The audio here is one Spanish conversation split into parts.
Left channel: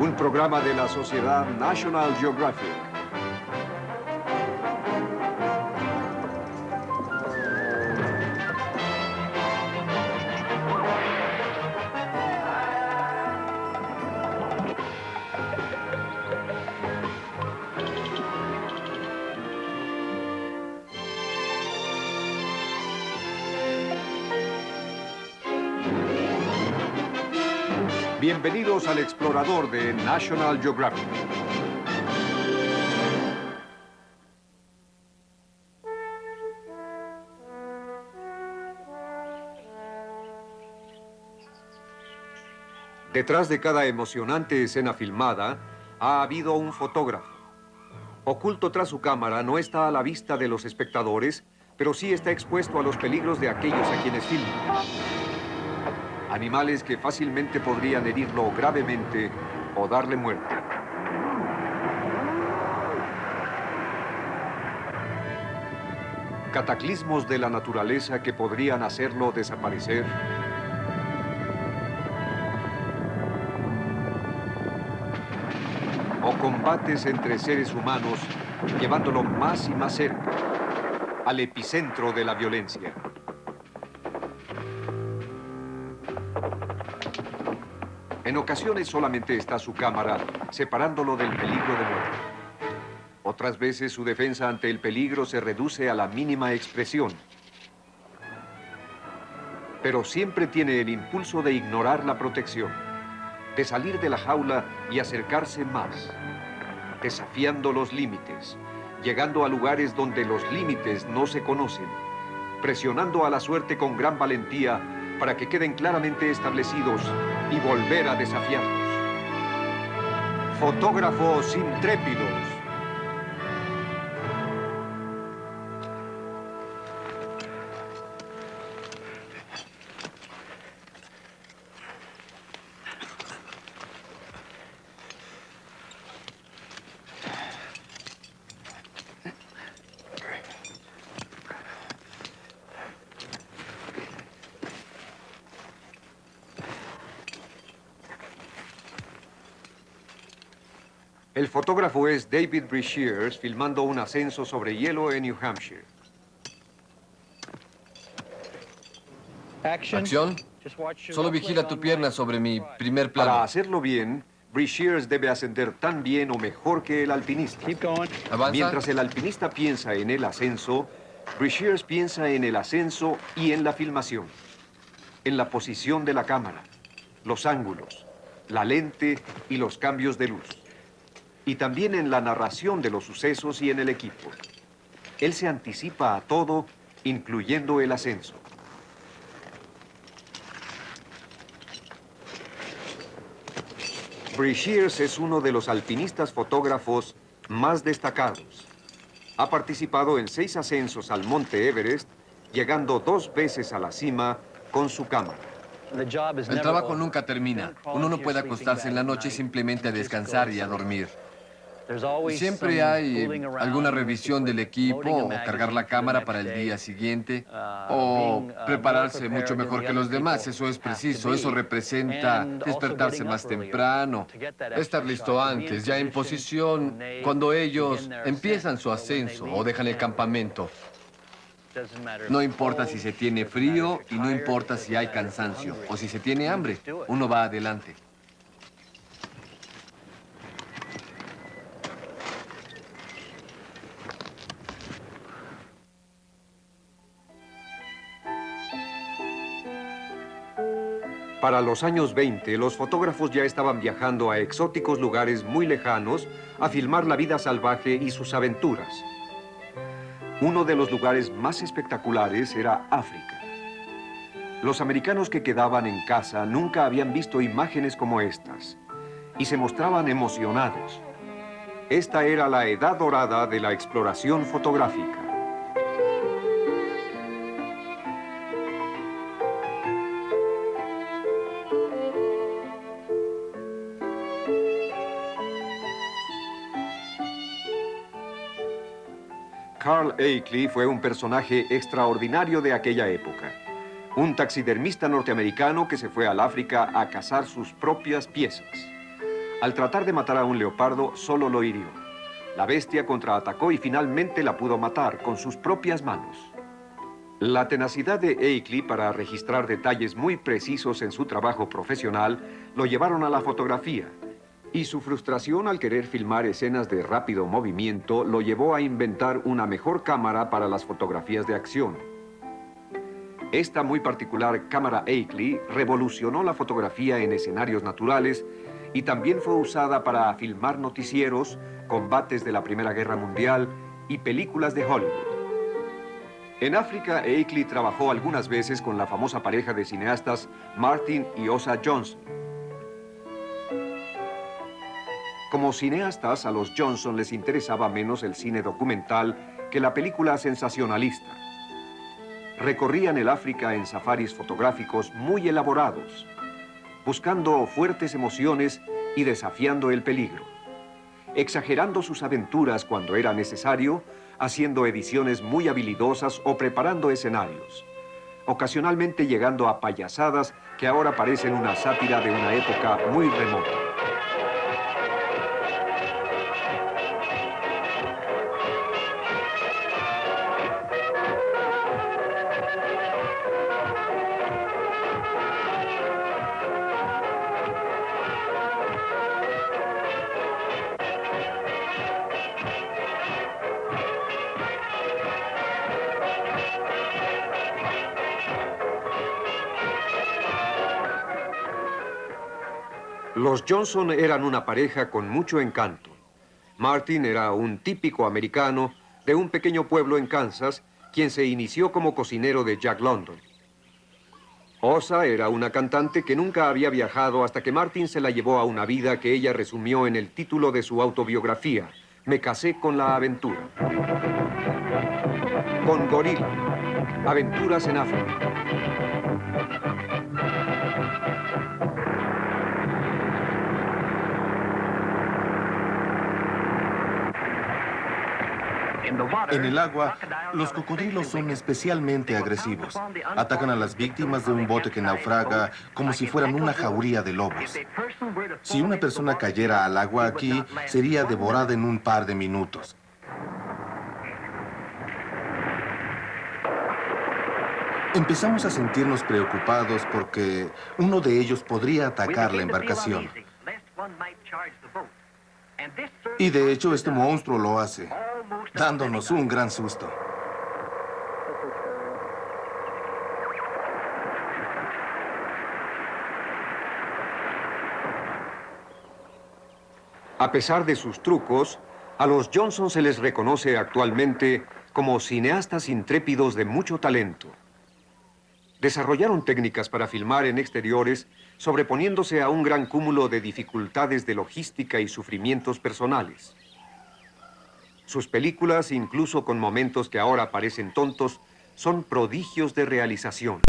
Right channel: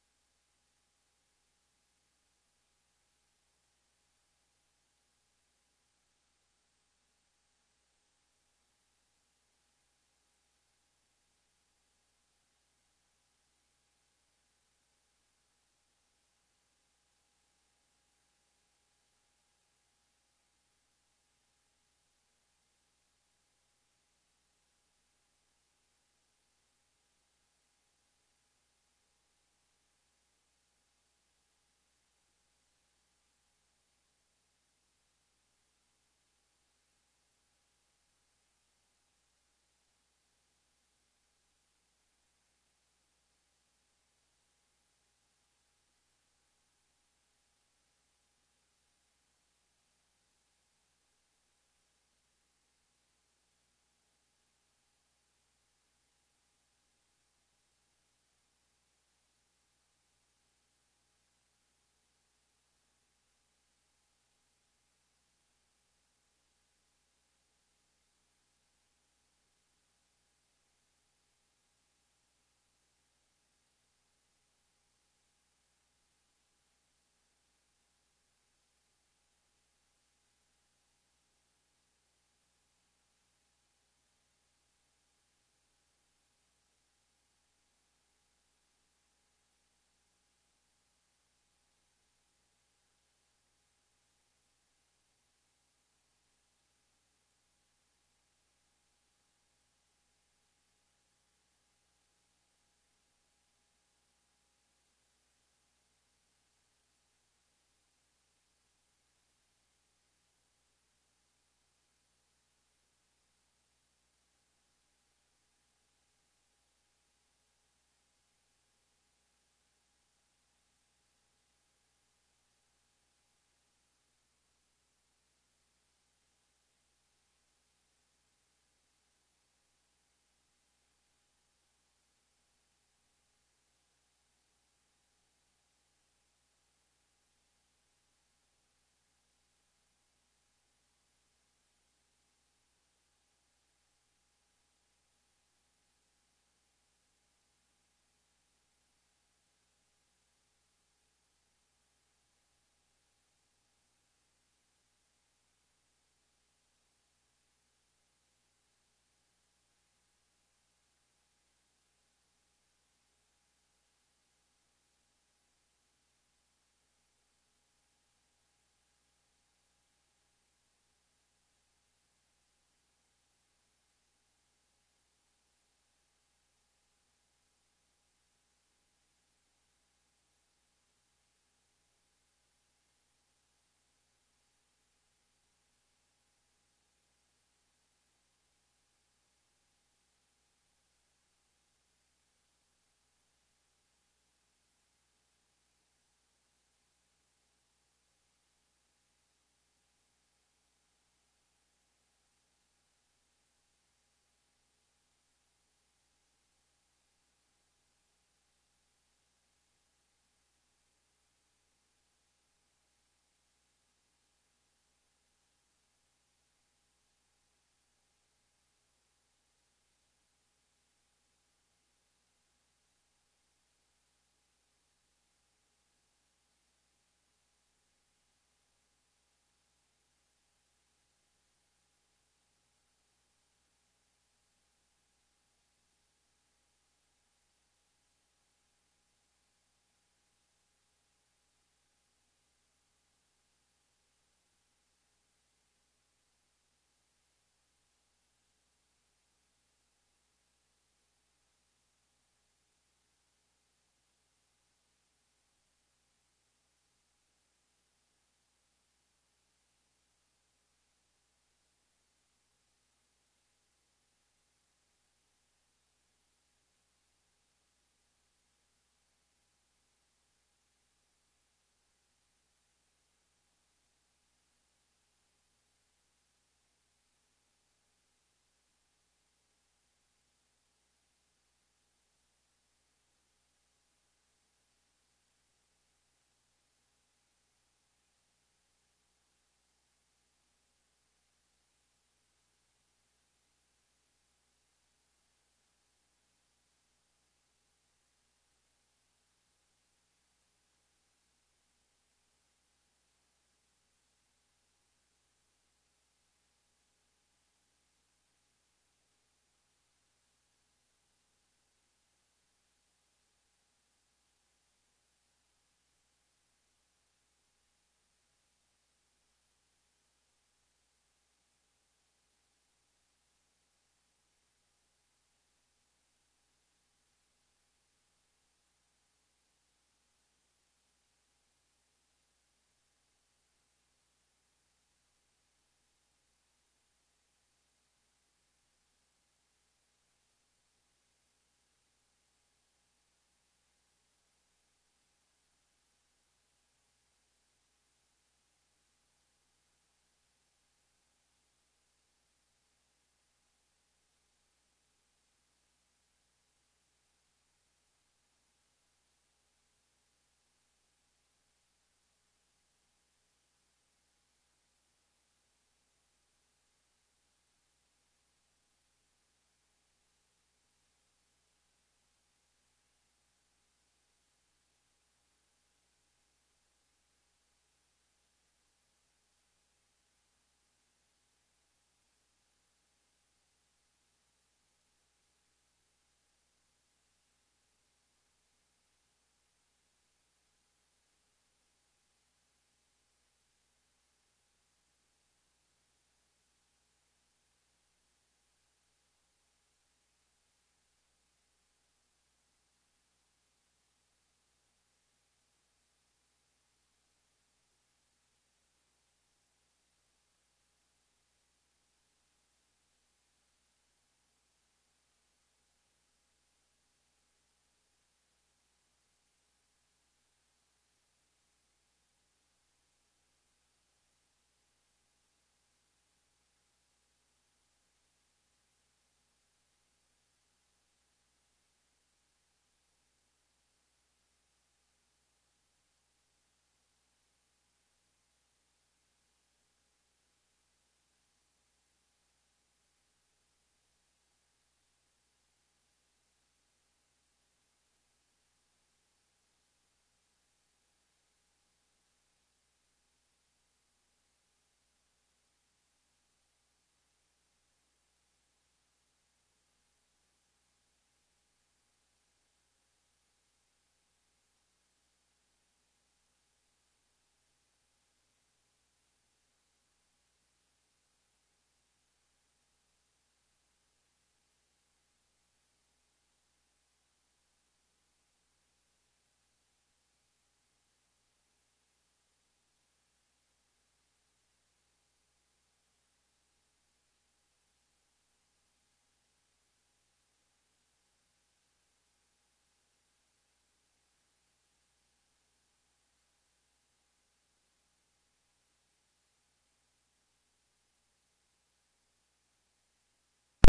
un programa de la sociedad National Geographic. Bienvenidos al explorador de National Geographic. Detrás de cada emocionante escena filmada, ha habido un fotógrafo. Oculto tras su cámara, no está a la vista de los espectadores, pero sí está expuesto a los peligros de aquellos a quienes filma. Animales que fácilmente podrían herirlo gravemente o darle muerte. Cataclismos de la naturaleza que podrían hacerlo desaparecer. O combates entre seres humanos, llevándolo más y más cerca, al epicentro de la violencia. En ocasiones solamente está su cámara, separándolo del peligro de muerte. Otras veces su defensa ante el peligro se reduce a la mínima expresión. Pero siempre tiene el impulso de ignorar la protección, de salir de la jaula y acercarse más, desafiando los límites, llegando a lugares donde los límites no se conocen, presionando a la suerte con gran valentía para que queden claramente establecidos y volver a desafiarlos. Fotógrafos intrépidos. El fotógrafo es David Brashears, filmando un ascenso sobre hielo en New Hampshire. Acción. Solo vigila tu pierna sobre mi primer plano. Para hacerlo bien, Brashears debe ascender tan bien o mejor que el alpinista. Avanza. Mientras el alpinista piensa en el ascenso, Brashears piensa en el ascenso y en la filmación. En la posición de la cámara, los ángulos, la lente y los cambios de luz. Y también en la narración de los sucesos y en el equipo. Él se anticipa a todo, incluyendo el ascenso. Brashears es uno de los alpinistas fotógrafos más destacados. Ha participado en 6 ascensos al Monte Everest, llegando 2 veces a la cima con su cámara. El trabajo nunca termina. Uno no puede acostarse en la noche simplemente a descansar y a dormir. Siempre hay alguna revisión del equipo, o cargar la cámara para el día siguiente, o prepararse mucho mejor que los demás. Eso es preciso. Eso representa despertarse más temprano, estar listo antes, ya en posición cuando ellos empiezan su ascenso o dejan el campamento. No importa si se tiene frío y no importa si hay cansancio o si se tiene hambre, uno va adelante. Para los años 20, los fotógrafos ya estaban viajando a exóticos lugares muy lejanos a filmar la vida salvaje y sus aventuras. Uno de los lugares más espectaculares era África. Los americanos que quedaban en casa nunca habían visto imágenes como estas y se mostraban emocionados. Esta era la edad dorada de la exploración fotográfica. Carl Akeley fue un personaje extraordinario de aquella época. Un taxidermista norteamericano que se fue al África a cazar sus propias piezas. Al tratar de matar a un leopardo, solo lo hirió. La bestia contraatacó y finalmente la pudo matar con sus propias manos. La tenacidad de Akeley para registrar detalles muy precisos en su trabajo profesional lo llevaron a la fotografía, y su frustración al querer filmar escenas de rápido movimiento lo llevó a inventar una mejor cámara para las fotografías de acción. Esta muy particular cámara Akeley revolucionó la fotografía en escenarios naturales y también fue usada para filmar noticieros, combates de la Primera Guerra Mundial y películas de Hollywood. En África, Akeley trabajó algunas veces con la famosa pareja de cineastas Martin y Osa Johnson. Como cineastas, a los Johnson les interesaba menos el cine documental que la película sensacionalista. Recorrían el África en safaris fotográficos muy elaborados, buscando fuertes emociones y desafiando el peligro, exagerando sus aventuras cuando era necesario, haciendo ediciones muy habilidosas o preparando escenarios, ocasionalmente llegando a payasadas que ahora parecen una sátira de una época muy remota. Los Johnson eran una pareja con mucho encanto. Martin era un típico americano de un pequeño pueblo en Kansas, quien se inició como cocinero de Jack London. Osa era una cantante que nunca había viajado hasta que Martin se la llevó a una vida que ella resumió en el título de su autobiografía, Me casé con la aventura. Con Gorila, aventuras en África. En el agua, los cocodrilos son especialmente agresivos. Atacan a las víctimas de un bote que naufraga como si fueran una jauría de lobos. Si una persona cayera al agua aquí, sería devorada en un par de minutos. Empezamos a sentirnos preocupados porque uno de ellos podría atacar la embarcación. Y de hecho, este monstruo lo hace, dándonos un gran susto. A pesar de sus trucos, a los Johnson se les reconoce actualmente como cineastas intrépidos de mucho talento. Desarrollaron técnicas para filmar en exteriores, sobreponiéndose a un gran cúmulo de dificultades de logística y sufrimientos personales. Sus películas, incluso con momentos que ahora parecen tontos, son prodigios de realización.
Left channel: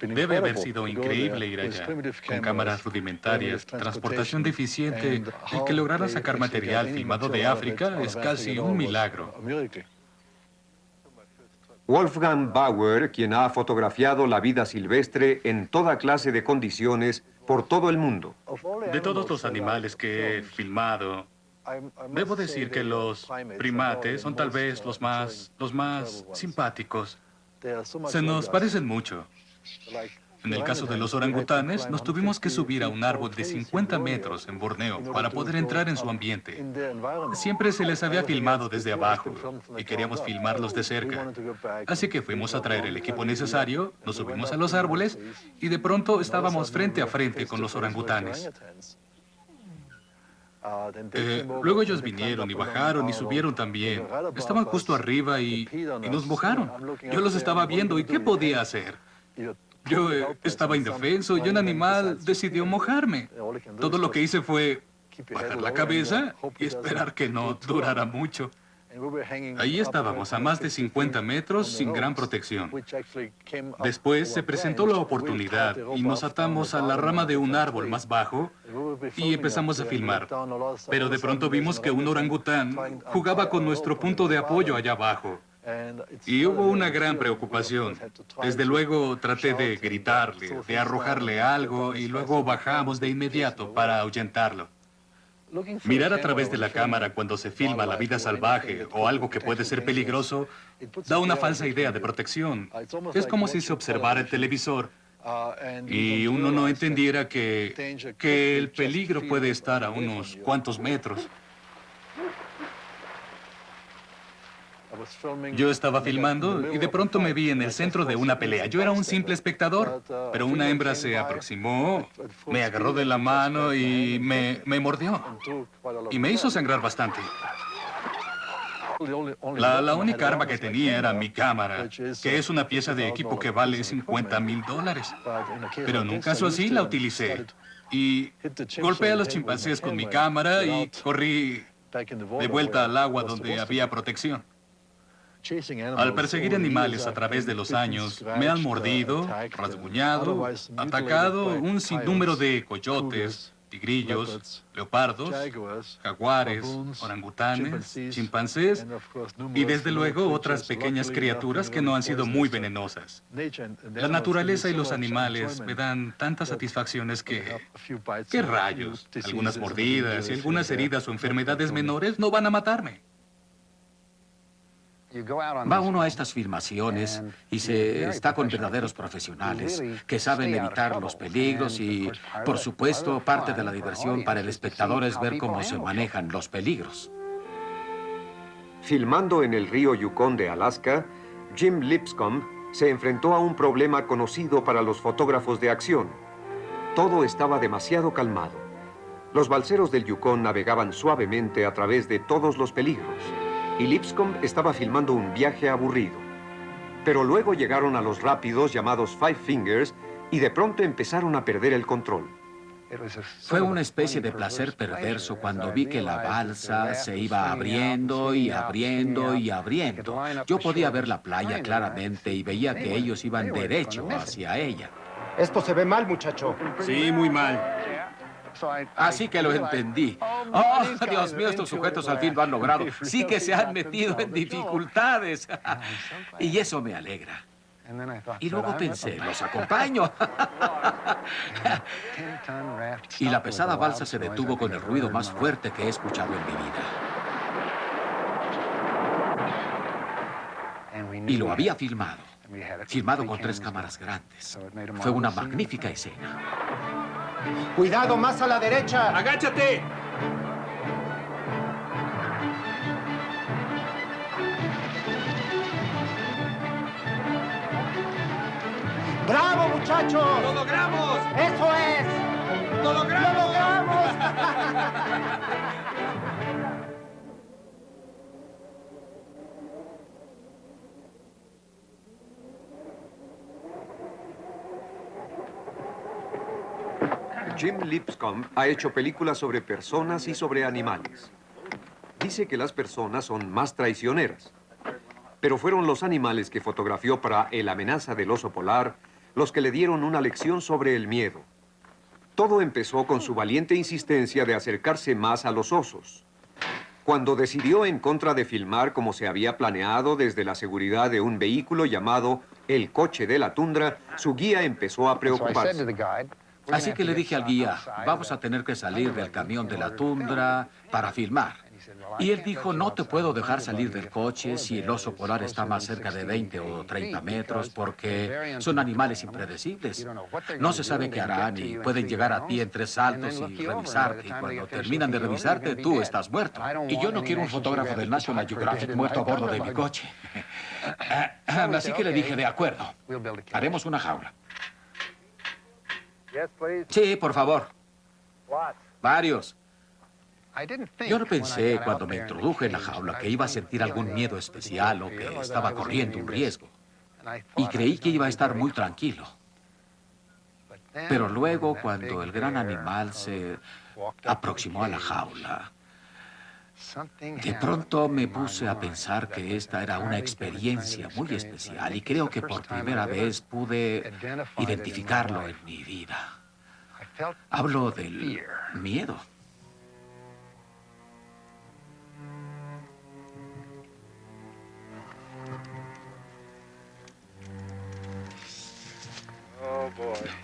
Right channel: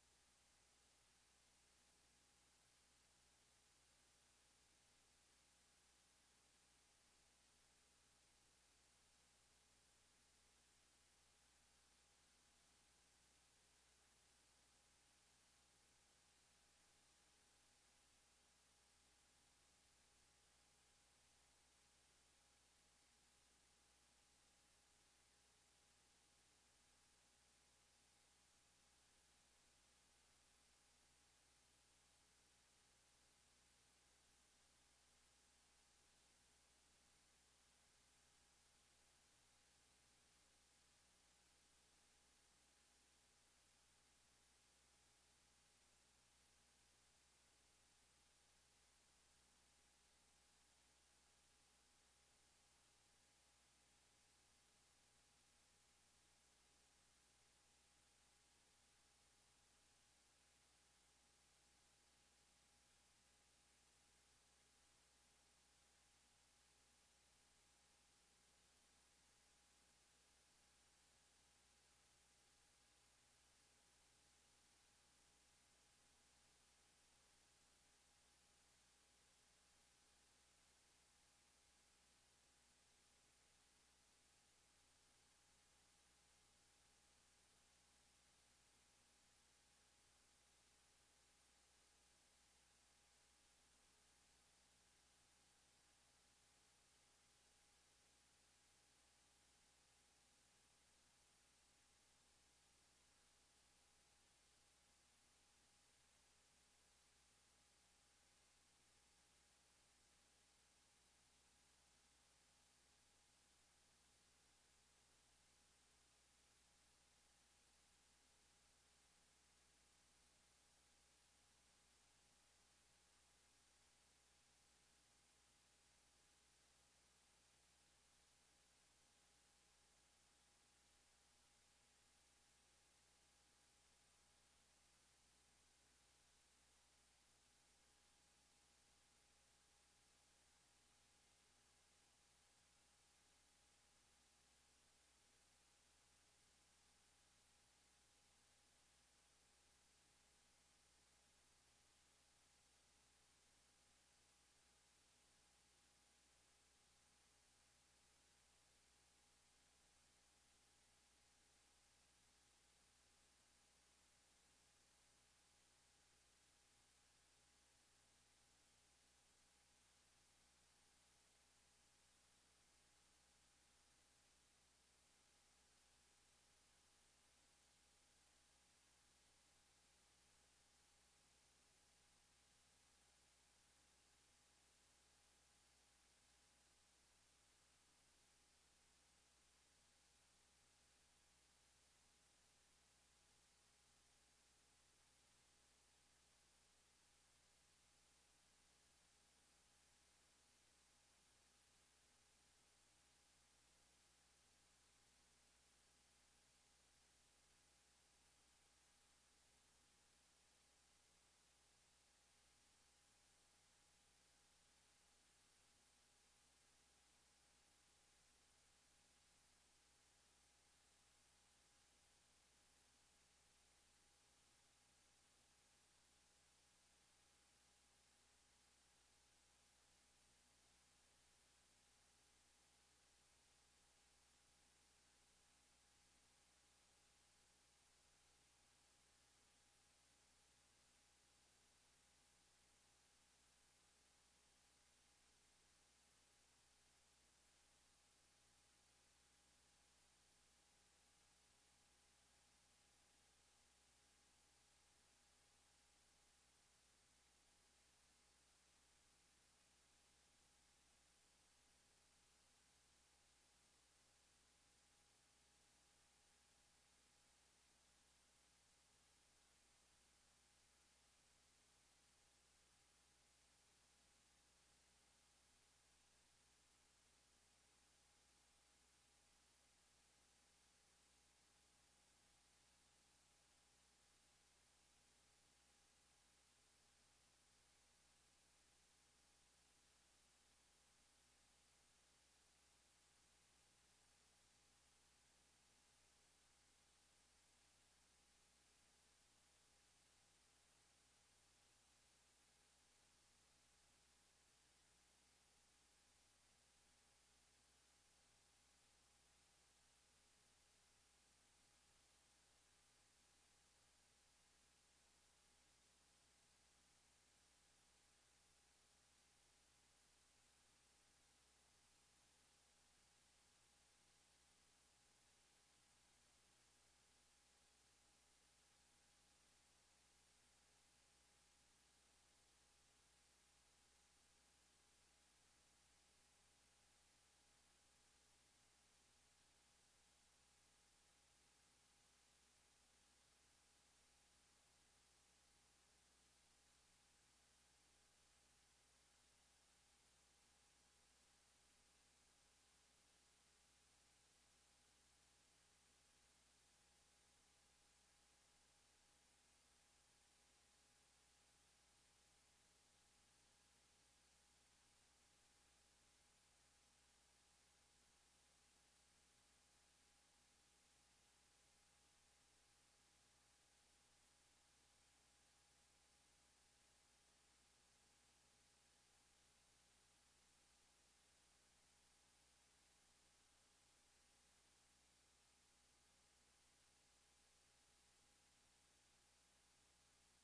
Debe haber sido increíble ir allá, con cámaras rudimentarias, transportación deficiente. El que lograra sacar material filmado de África es casi un milagro. Wolfgang Bauer, quien ha fotografiado la vida silvestre en toda clase de condiciones por todo el mundo. De todos los animales que he filmado, debo decir que los primates son tal vez los más simpáticos. Se nos parecen mucho. En el caso de los orangutanes, nos tuvimos que subir a un árbol de 50 metros en Borneo para poder entrar en su ambiente. Siempre se les había filmado desde abajo y queríamos filmarlos de cerca. Así que fuimos a traer el equipo necesario, nos subimos a los árboles y de pronto estábamos frente a frente con los orangutanes. Luego ellos vinieron y bajaron y subieron también. Estaban justo arriba y nos mojaron. Yo los estaba viendo y ¿qué podía hacer? Yo estaba indefenso y un animal decidió mojarme. Todo lo que hice fue bajar la cabeza y esperar que no durara mucho. Ahí estábamos a más de 50 metros sin gran protección. Después se presentó la oportunidad y nos atamos a la rama de un árbol más bajo y empezamos a filmar. Pero de pronto vimos que un orangután jugaba con nuestro punto de apoyo allá abajo. Y hubo una gran preocupación. Desde luego traté de gritarle, de arrojarle algo y luego bajamos de inmediato para ahuyentarlo. Mirar a través de la cámara cuando se filma la vida salvaje o algo que puede ser peligroso da una falsa idea de protección. Es como si se observara el televisor y uno no entendiera que el peligro puede estar a unos cuantos metros. Yo estaba filmando y de pronto me vi en el centro de una pelea. Yo era un simple espectador, pero una hembra se aproximó, me agarró de la mano y me mordió. Y me hizo sangrar bastante. La única arma que tenía era mi cámara, que es una pieza de equipo que vale $50,000. Pero en un caso así la utilicé. Y golpeé a los chimpancés con mi cámara y corrí de vuelta al agua donde había protección. Al perseguir animales a través de los años, me han mordido, rasguñado, atacado un sinnúmero de coyotes, tigrillos, leopardos, jaguares, orangutanes, chimpancés y desde luego otras pequeñas criaturas que no han sido muy venenosas. La naturaleza y los animales me dan tantas satisfacciones que... ¿Qué rayos? Algunas mordidas y algunas heridas o enfermedades menores no van a matarme. Va uno a estas filmaciones y se está con verdaderos profesionales que saben evitar los peligros y, por supuesto, parte de la diversión para el espectador es ver cómo se manejan los peligros. Filmando en el río Yukon de Alaska, Jim Lipscomb se enfrentó a un problema conocido para los fotógrafos de acción. Todo estaba demasiado calmado. Los balseros del Yukon navegaban suavemente a través de todos los peligros. Y Lipscomb estaba filmando un viaje aburrido. Pero luego llegaron a los rápidos llamados Five Fingers y de pronto empezaron a perder el control. Fue una especie de placer perverso cuando vi que la balsa se iba abriendo y abriendo y abriendo. Yo podía ver la playa claramente y veía que ellos iban derecho hacia ella. Esto se ve mal, muchacho. Sí, muy mal. Así que lo entendí. ¡Oh, Dios mío, estos sujetos al fin lo han logrado! Sí que se han metido en dificultades. Y eso me alegra. Y luego pensé, los acompaño. Y la pesada balsa se detuvo con el ruido más fuerte que he escuchado en mi vida. Y lo había filmado. Filmado con 3 cámaras grandes. Fue una magnífica escena. ¡Cuidado, más a la derecha! ¡Agáchate! ¡Bravo, muchachos! ¡Lo logramos! ¡Eso es! ¡Lo logramos! ¡Lo logramos! Jim Lipscomb ha hecho películas sobre personas y sobre animales. Dice que las personas son más traicioneras. Pero fueron los animales que fotografió para El amenaza del oso polar los que le dieron una lección sobre el miedo. Todo empezó con su valiente insistencia de acercarse más a los osos. Cuando decidió en contra de filmar como se había planeado desde la seguridad de un vehículo llamado el coche de la tundra, su guía empezó a preocuparse. Así que le dije al guía, vamos a tener que salir del camión de la tundra para filmar. Y él dijo, no te puedo dejar salir del coche si el oso polar está más cerca de 20 o 30 metros porque son animales impredecibles. No se sabe qué harán y pueden llegar a ti en 3 saltos y revisarte. Y cuando terminan de revisarte, tú estás muerto. Y yo no quiero un fotógrafo del National Geographic muerto a bordo de mi coche. Así que le dije, de acuerdo, haremos una jaula. Sí, por favor. Varios. Yo no pensé cuando me introduje en la jaula que iba a sentir algún miedo especial o que estaba corriendo un riesgo. Y creí que iba a estar muy tranquilo. Pero luego, cuando el gran animal se aproximó a la jaula, de pronto me puse a pensar que esta era una experiencia muy especial y creo que por primera vez pude identificarlo en mi vida. Hablo del miedo.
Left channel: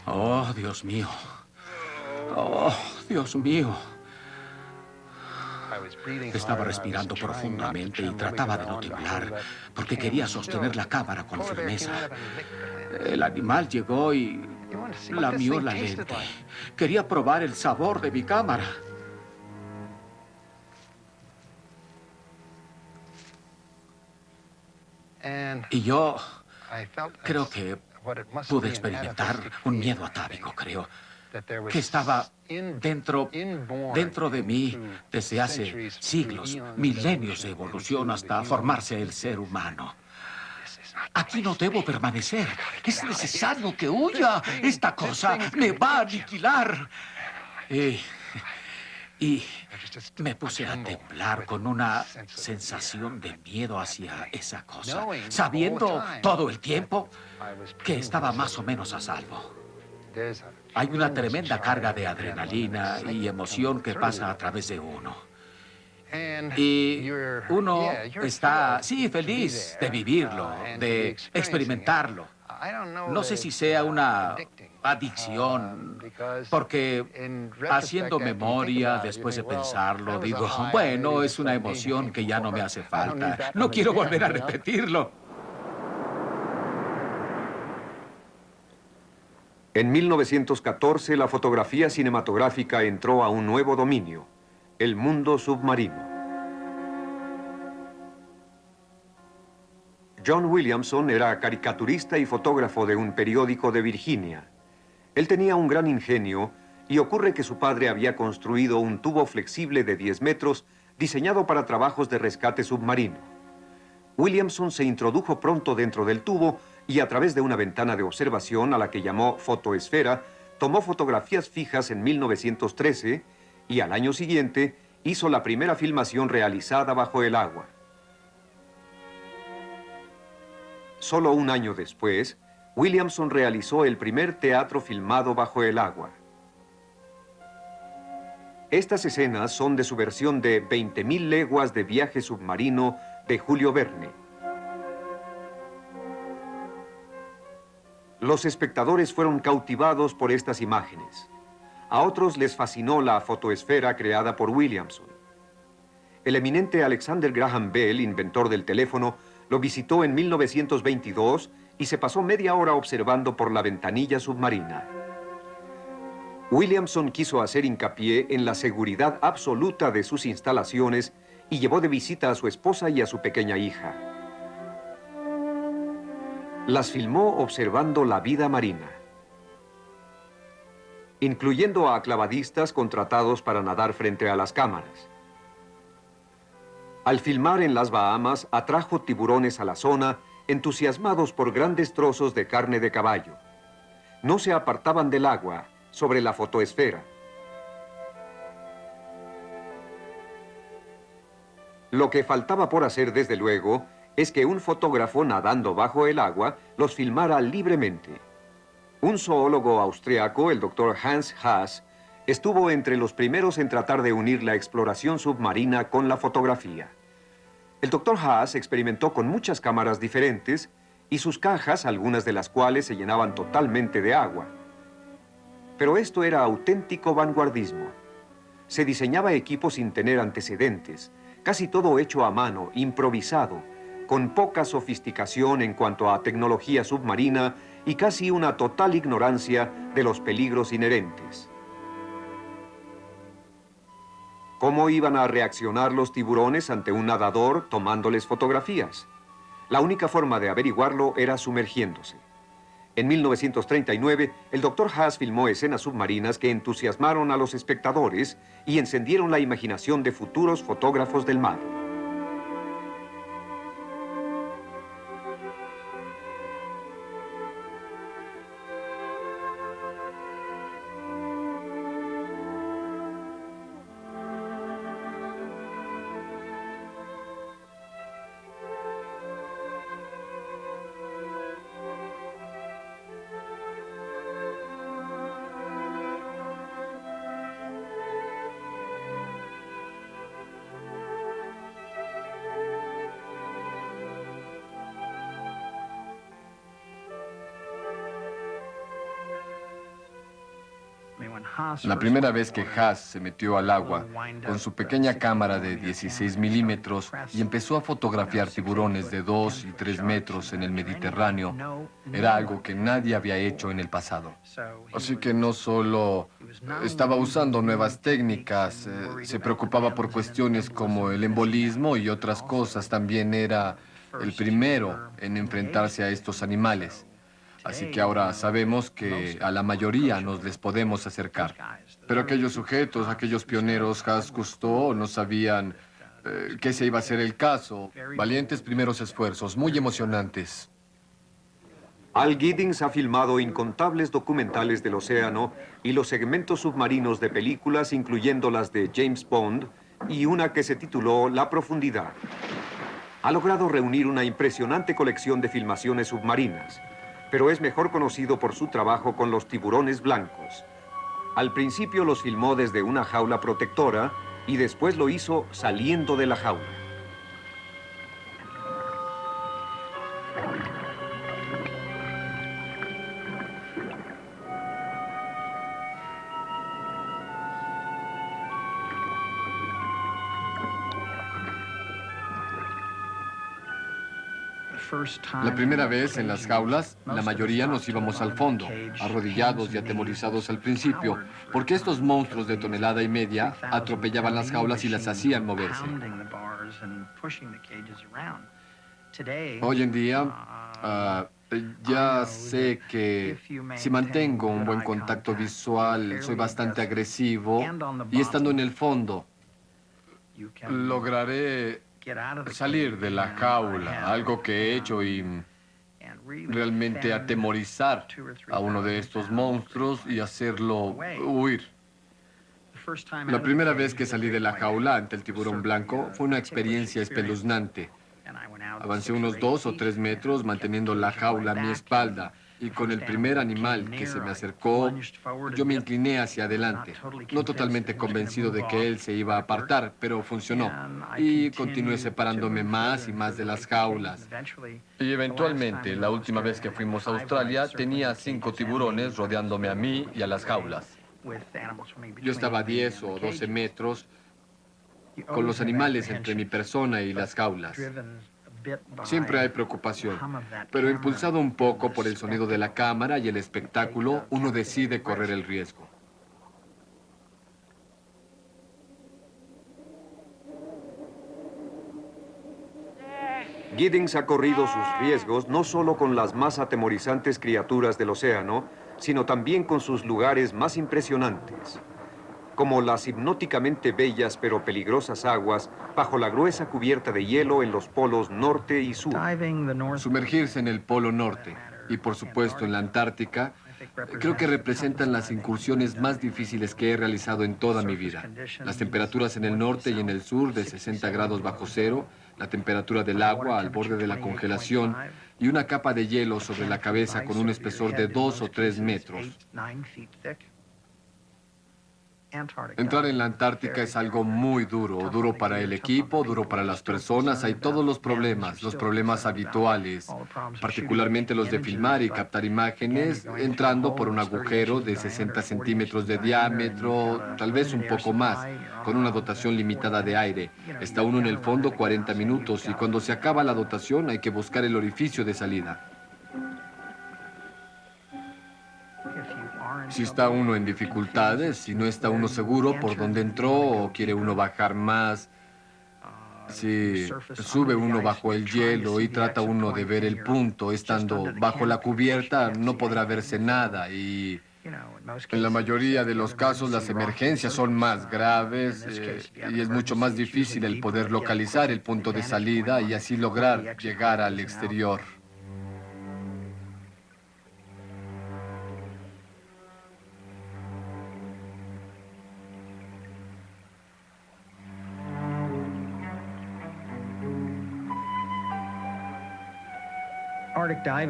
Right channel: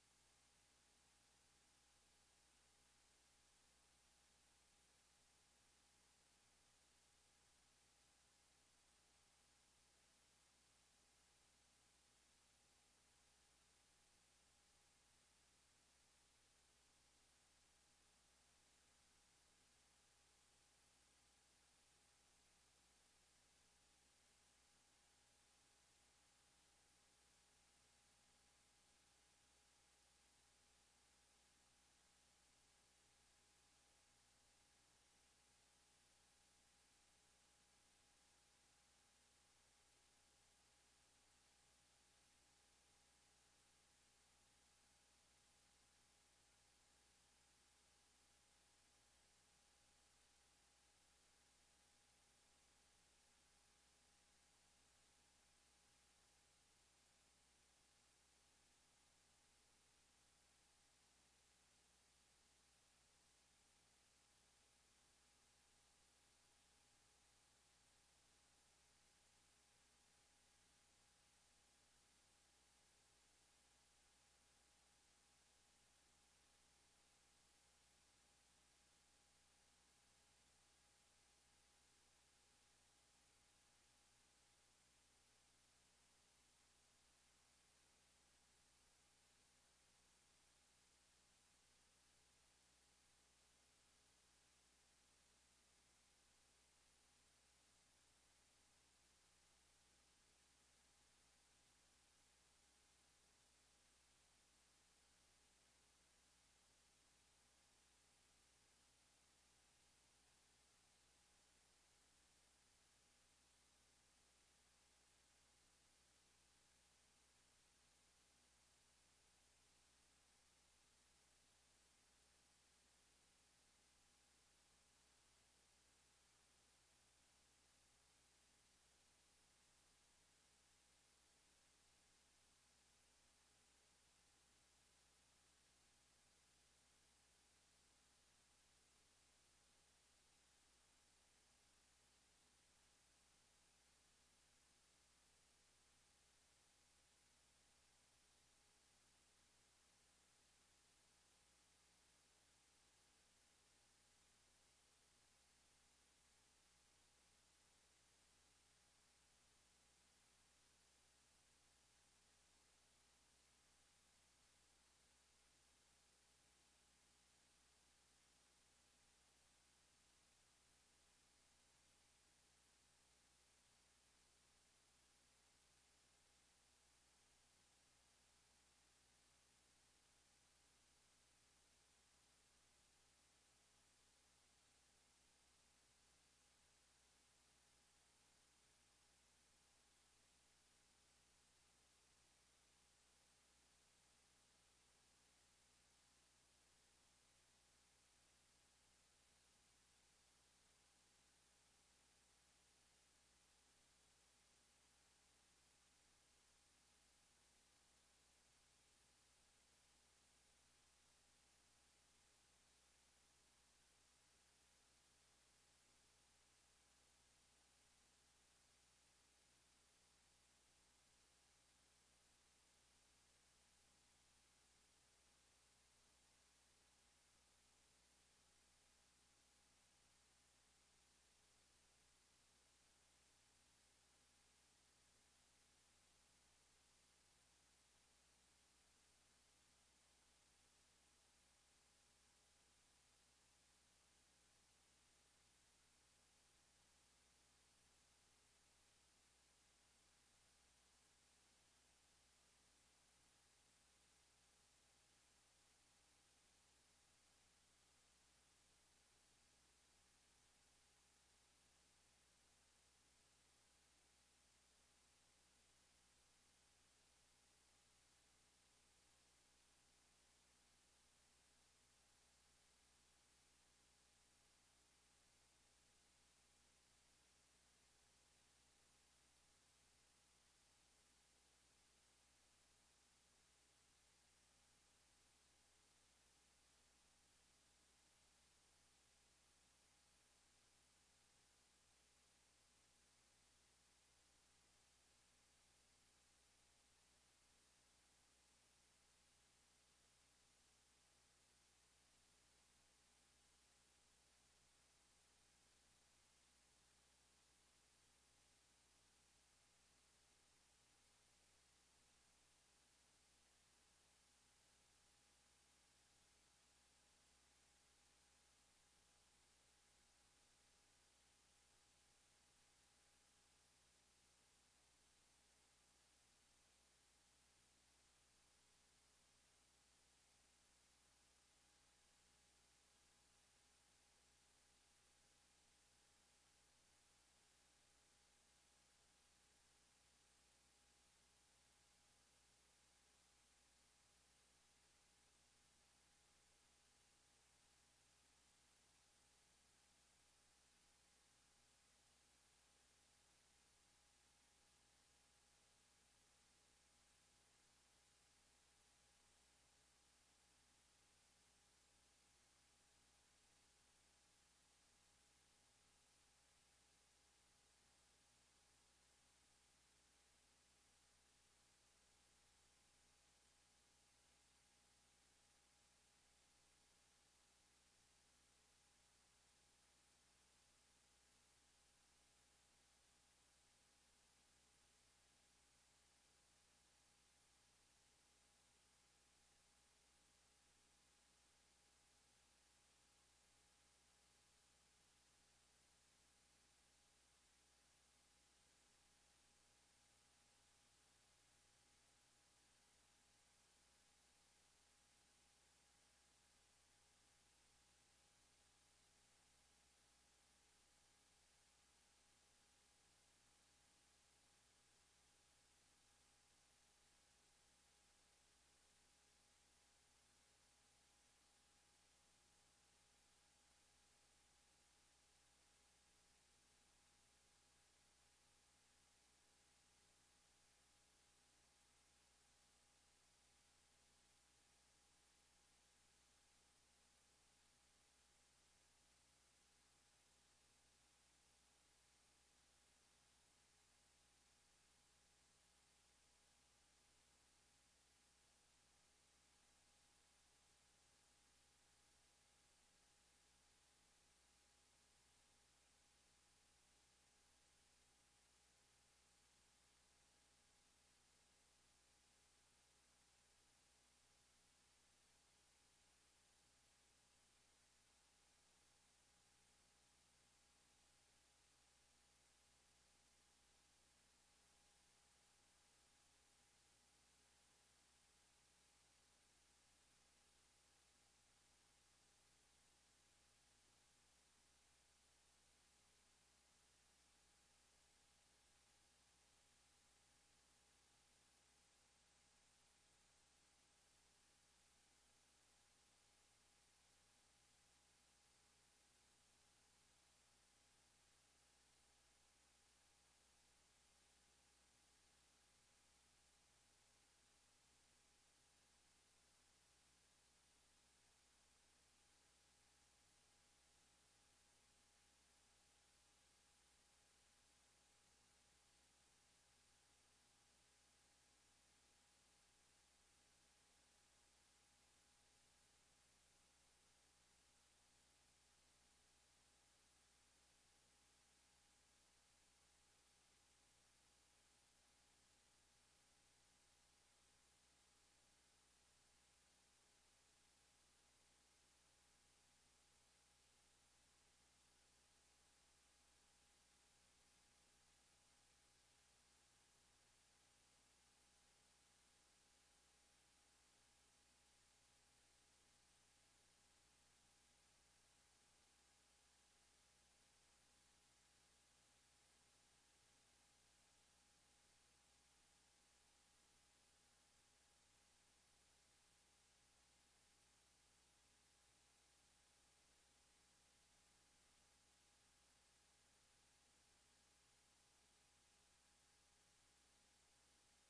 Oh, Dios mío. Oh, Dios mío. Estaba respirando profundamente y trataba de no temblar porque quería sostener la cámara con firmeza. El animal llegó y lamió la lente. Quería probar el sabor de mi cámara. Y yo creo que pude experimentar un miedo atávico, creo, que estaba dentro de mí desde hace siglos, milenios de evolución hasta formarse el ser humano. Aquí no debo permanecer. Es necesario que huya. Esta cosa me va a aniquilar. Y me puse a temblar con una sensación de miedo hacia esa cosa, sabiendo todo el tiempo que estaba más o menos a salvo. Hay una tremenda carga de adrenalina y emoción que pasa a través de uno. Y uno está, sí, feliz de vivirlo, de experimentarlo. No sé si sea una adicción, porque haciendo memoria, después de pensarlo, digo, bueno, es una emoción que ya no me hace falta. No quiero volver a repetirlo. En 1914, la fotografía cinematográfica entró a un nuevo dominio, el mundo submarino. John Williamson era caricaturista y fotógrafo de un periódico de Virginia. Él tenía un gran ingenio y ocurre que su padre había construido un tubo flexible de 10 metros diseñado para trabajos de rescate submarino. Williamson se introdujo pronto dentro del tubo y a través de una ventana de observación a la que llamó fotoesfera, tomó fotografías fijas en 1913 y al año siguiente hizo la primera filmación realizada bajo el agua. Solo un año después, Williamson realizó el primer teatro filmado bajo el agua. Estas escenas son de su versión de 20.000 leguas de viaje submarino de Julio Verne. Los espectadores fueron cautivados por estas imágenes. A otros les fascinó la fotoesfera creada por Williamson. El eminente Alexander Graham Bell, inventor del teléfono, lo visitó en 1922 y se pasó media hora observando por la ventanilla submarina. Williamson quiso hacer hincapié en la seguridad absoluta de sus instalaciones y llevó de visita a su esposa y a su pequeña hija. Las filmó observando la vida marina, incluyendo a clavadistas contratados para nadar frente a las cámaras. Al filmar en las Bahamas, atrajo tiburones a la zona, entusiasmados por grandes trozos de carne de caballo. No se apartaban del agua, sobre la fotoesfera. Lo que faltaba por hacer, desde luego, es que un fotógrafo nadando bajo el agua los filmara libremente. Un zoólogo austriaco, el doctor Hans Haas, estuvo entre los primeros en tratar de unir la exploración submarina con la fotografía. El doctor Haas experimentó con muchas cámaras diferentes y sus cajas, algunas de las cuales se llenaban totalmente de agua. Pero esto era auténtico vanguardismo. Se diseñaba equipo sin tener antecedentes, casi todo hecho a mano, improvisado, con poca sofisticación en cuanto a tecnología submarina y casi una total ignorancia de los peligros inherentes. ¿Cómo iban a reaccionar los tiburones ante un nadador tomándoles fotografías? La única forma de averiguarlo era sumergiéndose. En 1939, el Dr. Haas filmó escenas submarinas que entusiasmaron a los espectadores y encendieron la imaginación de futuros fotógrafos del mar. La primera vez que Haas se metió al agua con su pequeña cámara de 16 milímetros y empezó a fotografiar tiburones de 2 y 3 metros en el Mediterráneo, era algo que nadie había hecho en el pasado. Así que no solo estaba usando nuevas técnicas, se preocupaba por cuestiones como el embolismo y otras cosas. También era el primero en enfrentarse a estos animales. Así que ahora sabemos que a la mayoría nos les podemos acercar. Pero aquellos sujetos, aquellos pioneros, Haas, Cousteau, no sabían que ese iba a ser el caso. Valientes primeros esfuerzos, muy emocionantes. Al Giddings ha filmado incontables documentales del océano y los segmentos submarinos de películas, incluyendo las de James Bond y una que se tituló La Profundidad. Ha logrado reunir una impresionante colección de filmaciones submarinas, pero es mejor conocido por su trabajo con los tiburones blancos. Al principio los filmó desde una jaula protectora y después lo hizo saliendo de la jaula. La primera vez en las jaulas, la mayoría nos íbamos al fondo, arrodillados y atemorizados al principio, porque estos monstruos de tonelada y media atropellaban las jaulas y las hacían moverse. Hoy en día, ya sé que si mantengo un buen contacto visual, soy bastante agresivo y estando en el fondo, lograré salir de la jaula, algo que he hecho y realmente atemorizar a uno de estos monstruos y hacerlo huir. La primera vez que salí de la jaula ante el tiburón blanco fue una experiencia espeluznante. Avancé unos 2 o 3 metros manteniendo la jaula a mi espalda y con el primer animal que se me acercó, yo me incliné hacia adelante, no totalmente convencido de que él se iba a apartar, pero funcionó. Y continué separándome más y más de las jaulas. Y eventualmente, la última vez que fuimos a Australia, tenía 5 tiburones rodeándome a mí y a las jaulas. Yo estaba a 10 o 12 metros con los animales entre mi persona y las jaulas. Siempre hay preocupación, pero impulsado un poco por el sonido de la cámara y el espectáculo, uno decide correr el riesgo. Giddings ha corrido sus riesgos no solo con las más atemorizantes criaturas del océano, sino también con sus lugares más impresionantes, como las hipnóticamente bellas pero peligrosas aguas bajo la gruesa cubierta de hielo en los polos norte y sur. Sumergirse en el Polo Norte y, por supuesto, en la Antártica, creo que representan las incursiones más difíciles que he realizado en toda mi vida. Las temperaturas en el norte y en el sur de 60 grados bajo cero, la temperatura del agua al borde de la congelación y una capa de hielo sobre la cabeza con un espesor de 2 o 3 metros. Entrar en la Antártica es algo muy duro, duro para el equipo, duro para las personas. Hay todos los problemas habituales, particularmente los de filmar y captar imágenes, entrando por un agujero de 60 centímetros de diámetro, tal vez un poco más, con una dotación limitada de aire. Está uno en el fondo 40 minutos y cuando se acaba la dotación hay que buscar el orificio de salida. Si está uno en dificultades, si no está uno seguro por dónde entró o quiere uno bajar más, si sube uno bajo el hielo y trata uno de ver el punto, estando bajo la cubierta no podrá verse nada y en la mayoría de los casos las emergencias son más graves y es mucho más difícil el poder localizar el punto de salida y así lograr llegar al exterior.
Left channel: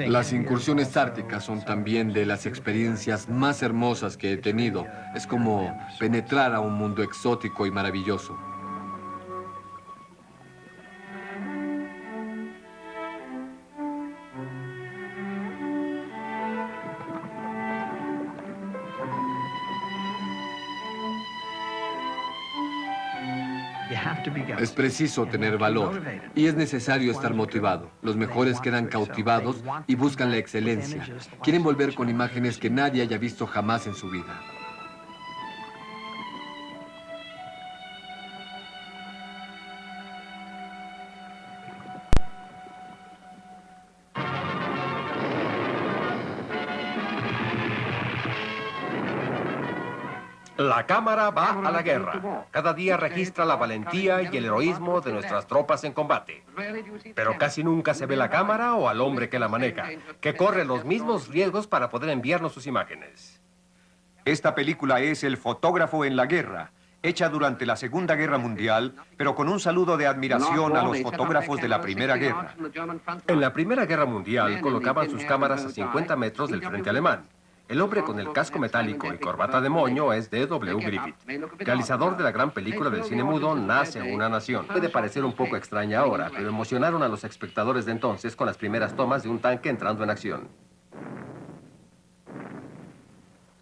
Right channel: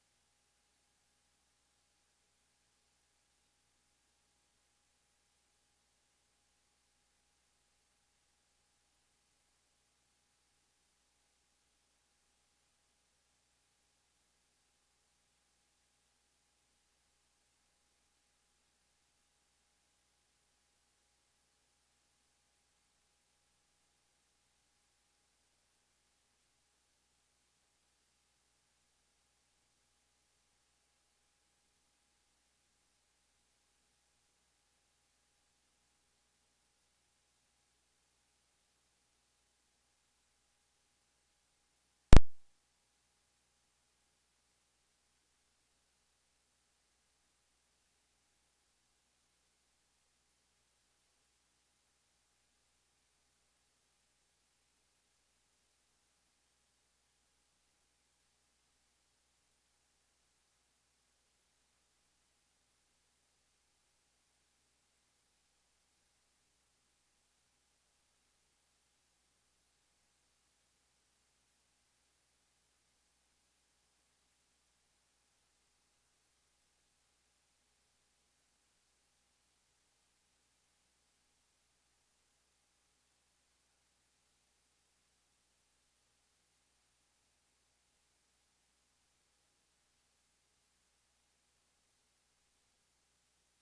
Las incursiones árticas son también de las experiencias más hermosas que he tenido. Es como penetrar a un mundo exótico y maravilloso. Es preciso tener valor y es necesario estar motivado. Los mejores quedan cautivados y buscan la excelencia. Quieren volver con imágenes que nadie haya visto jamás en su vida. La cámara va a la guerra. Cada día registra la valentía y el heroísmo de nuestras tropas en combate. Pero casi nunca se ve la cámara o al hombre que la maneja, que corre los mismos riesgos para poder enviarnos sus imágenes. Esta película es El fotógrafo en la guerra, hecha durante la Segunda Guerra Mundial, pero con un saludo de admiración a los fotógrafos de la Primera Guerra. En la Primera Guerra Mundial colocaban sus cámaras a 50 metros del frente alemán. El hombre con el casco metálico y corbata de moño es D.W. Griffith, realizador de la gran película del cine mudo Nace una nación. Puede parecer un poco extraña ahora, pero emocionaron a los espectadores de entonces con las primeras tomas de un tanque entrando en acción.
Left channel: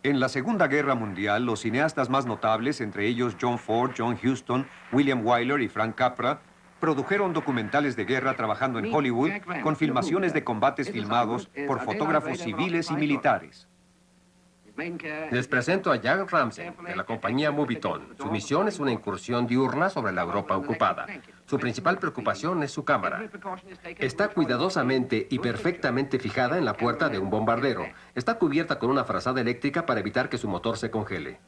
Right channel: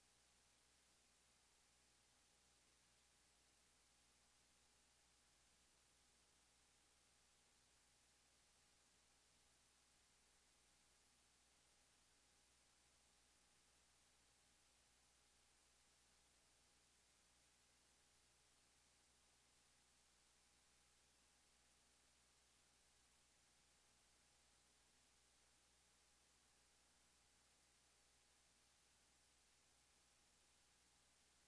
En la Segunda Guerra Mundial, los cineastas más notables, entre ellos John Ford, John Huston, William Wyler y Frank Capra, produjeron documentales de guerra trabajando en Hollywood con filmaciones de combates filmados por fotógrafos civiles y militares. Les presento a Jack Ramsey, de la compañía Movietone. Su misión es una incursión diurna sobre la Europa ocupada. Su principal preocupación es su cámara. Está cuidadosamente y perfectamente fijada en la puerta de un bombardero. Está cubierta con una frazada eléctrica para evitar que su motor se congele.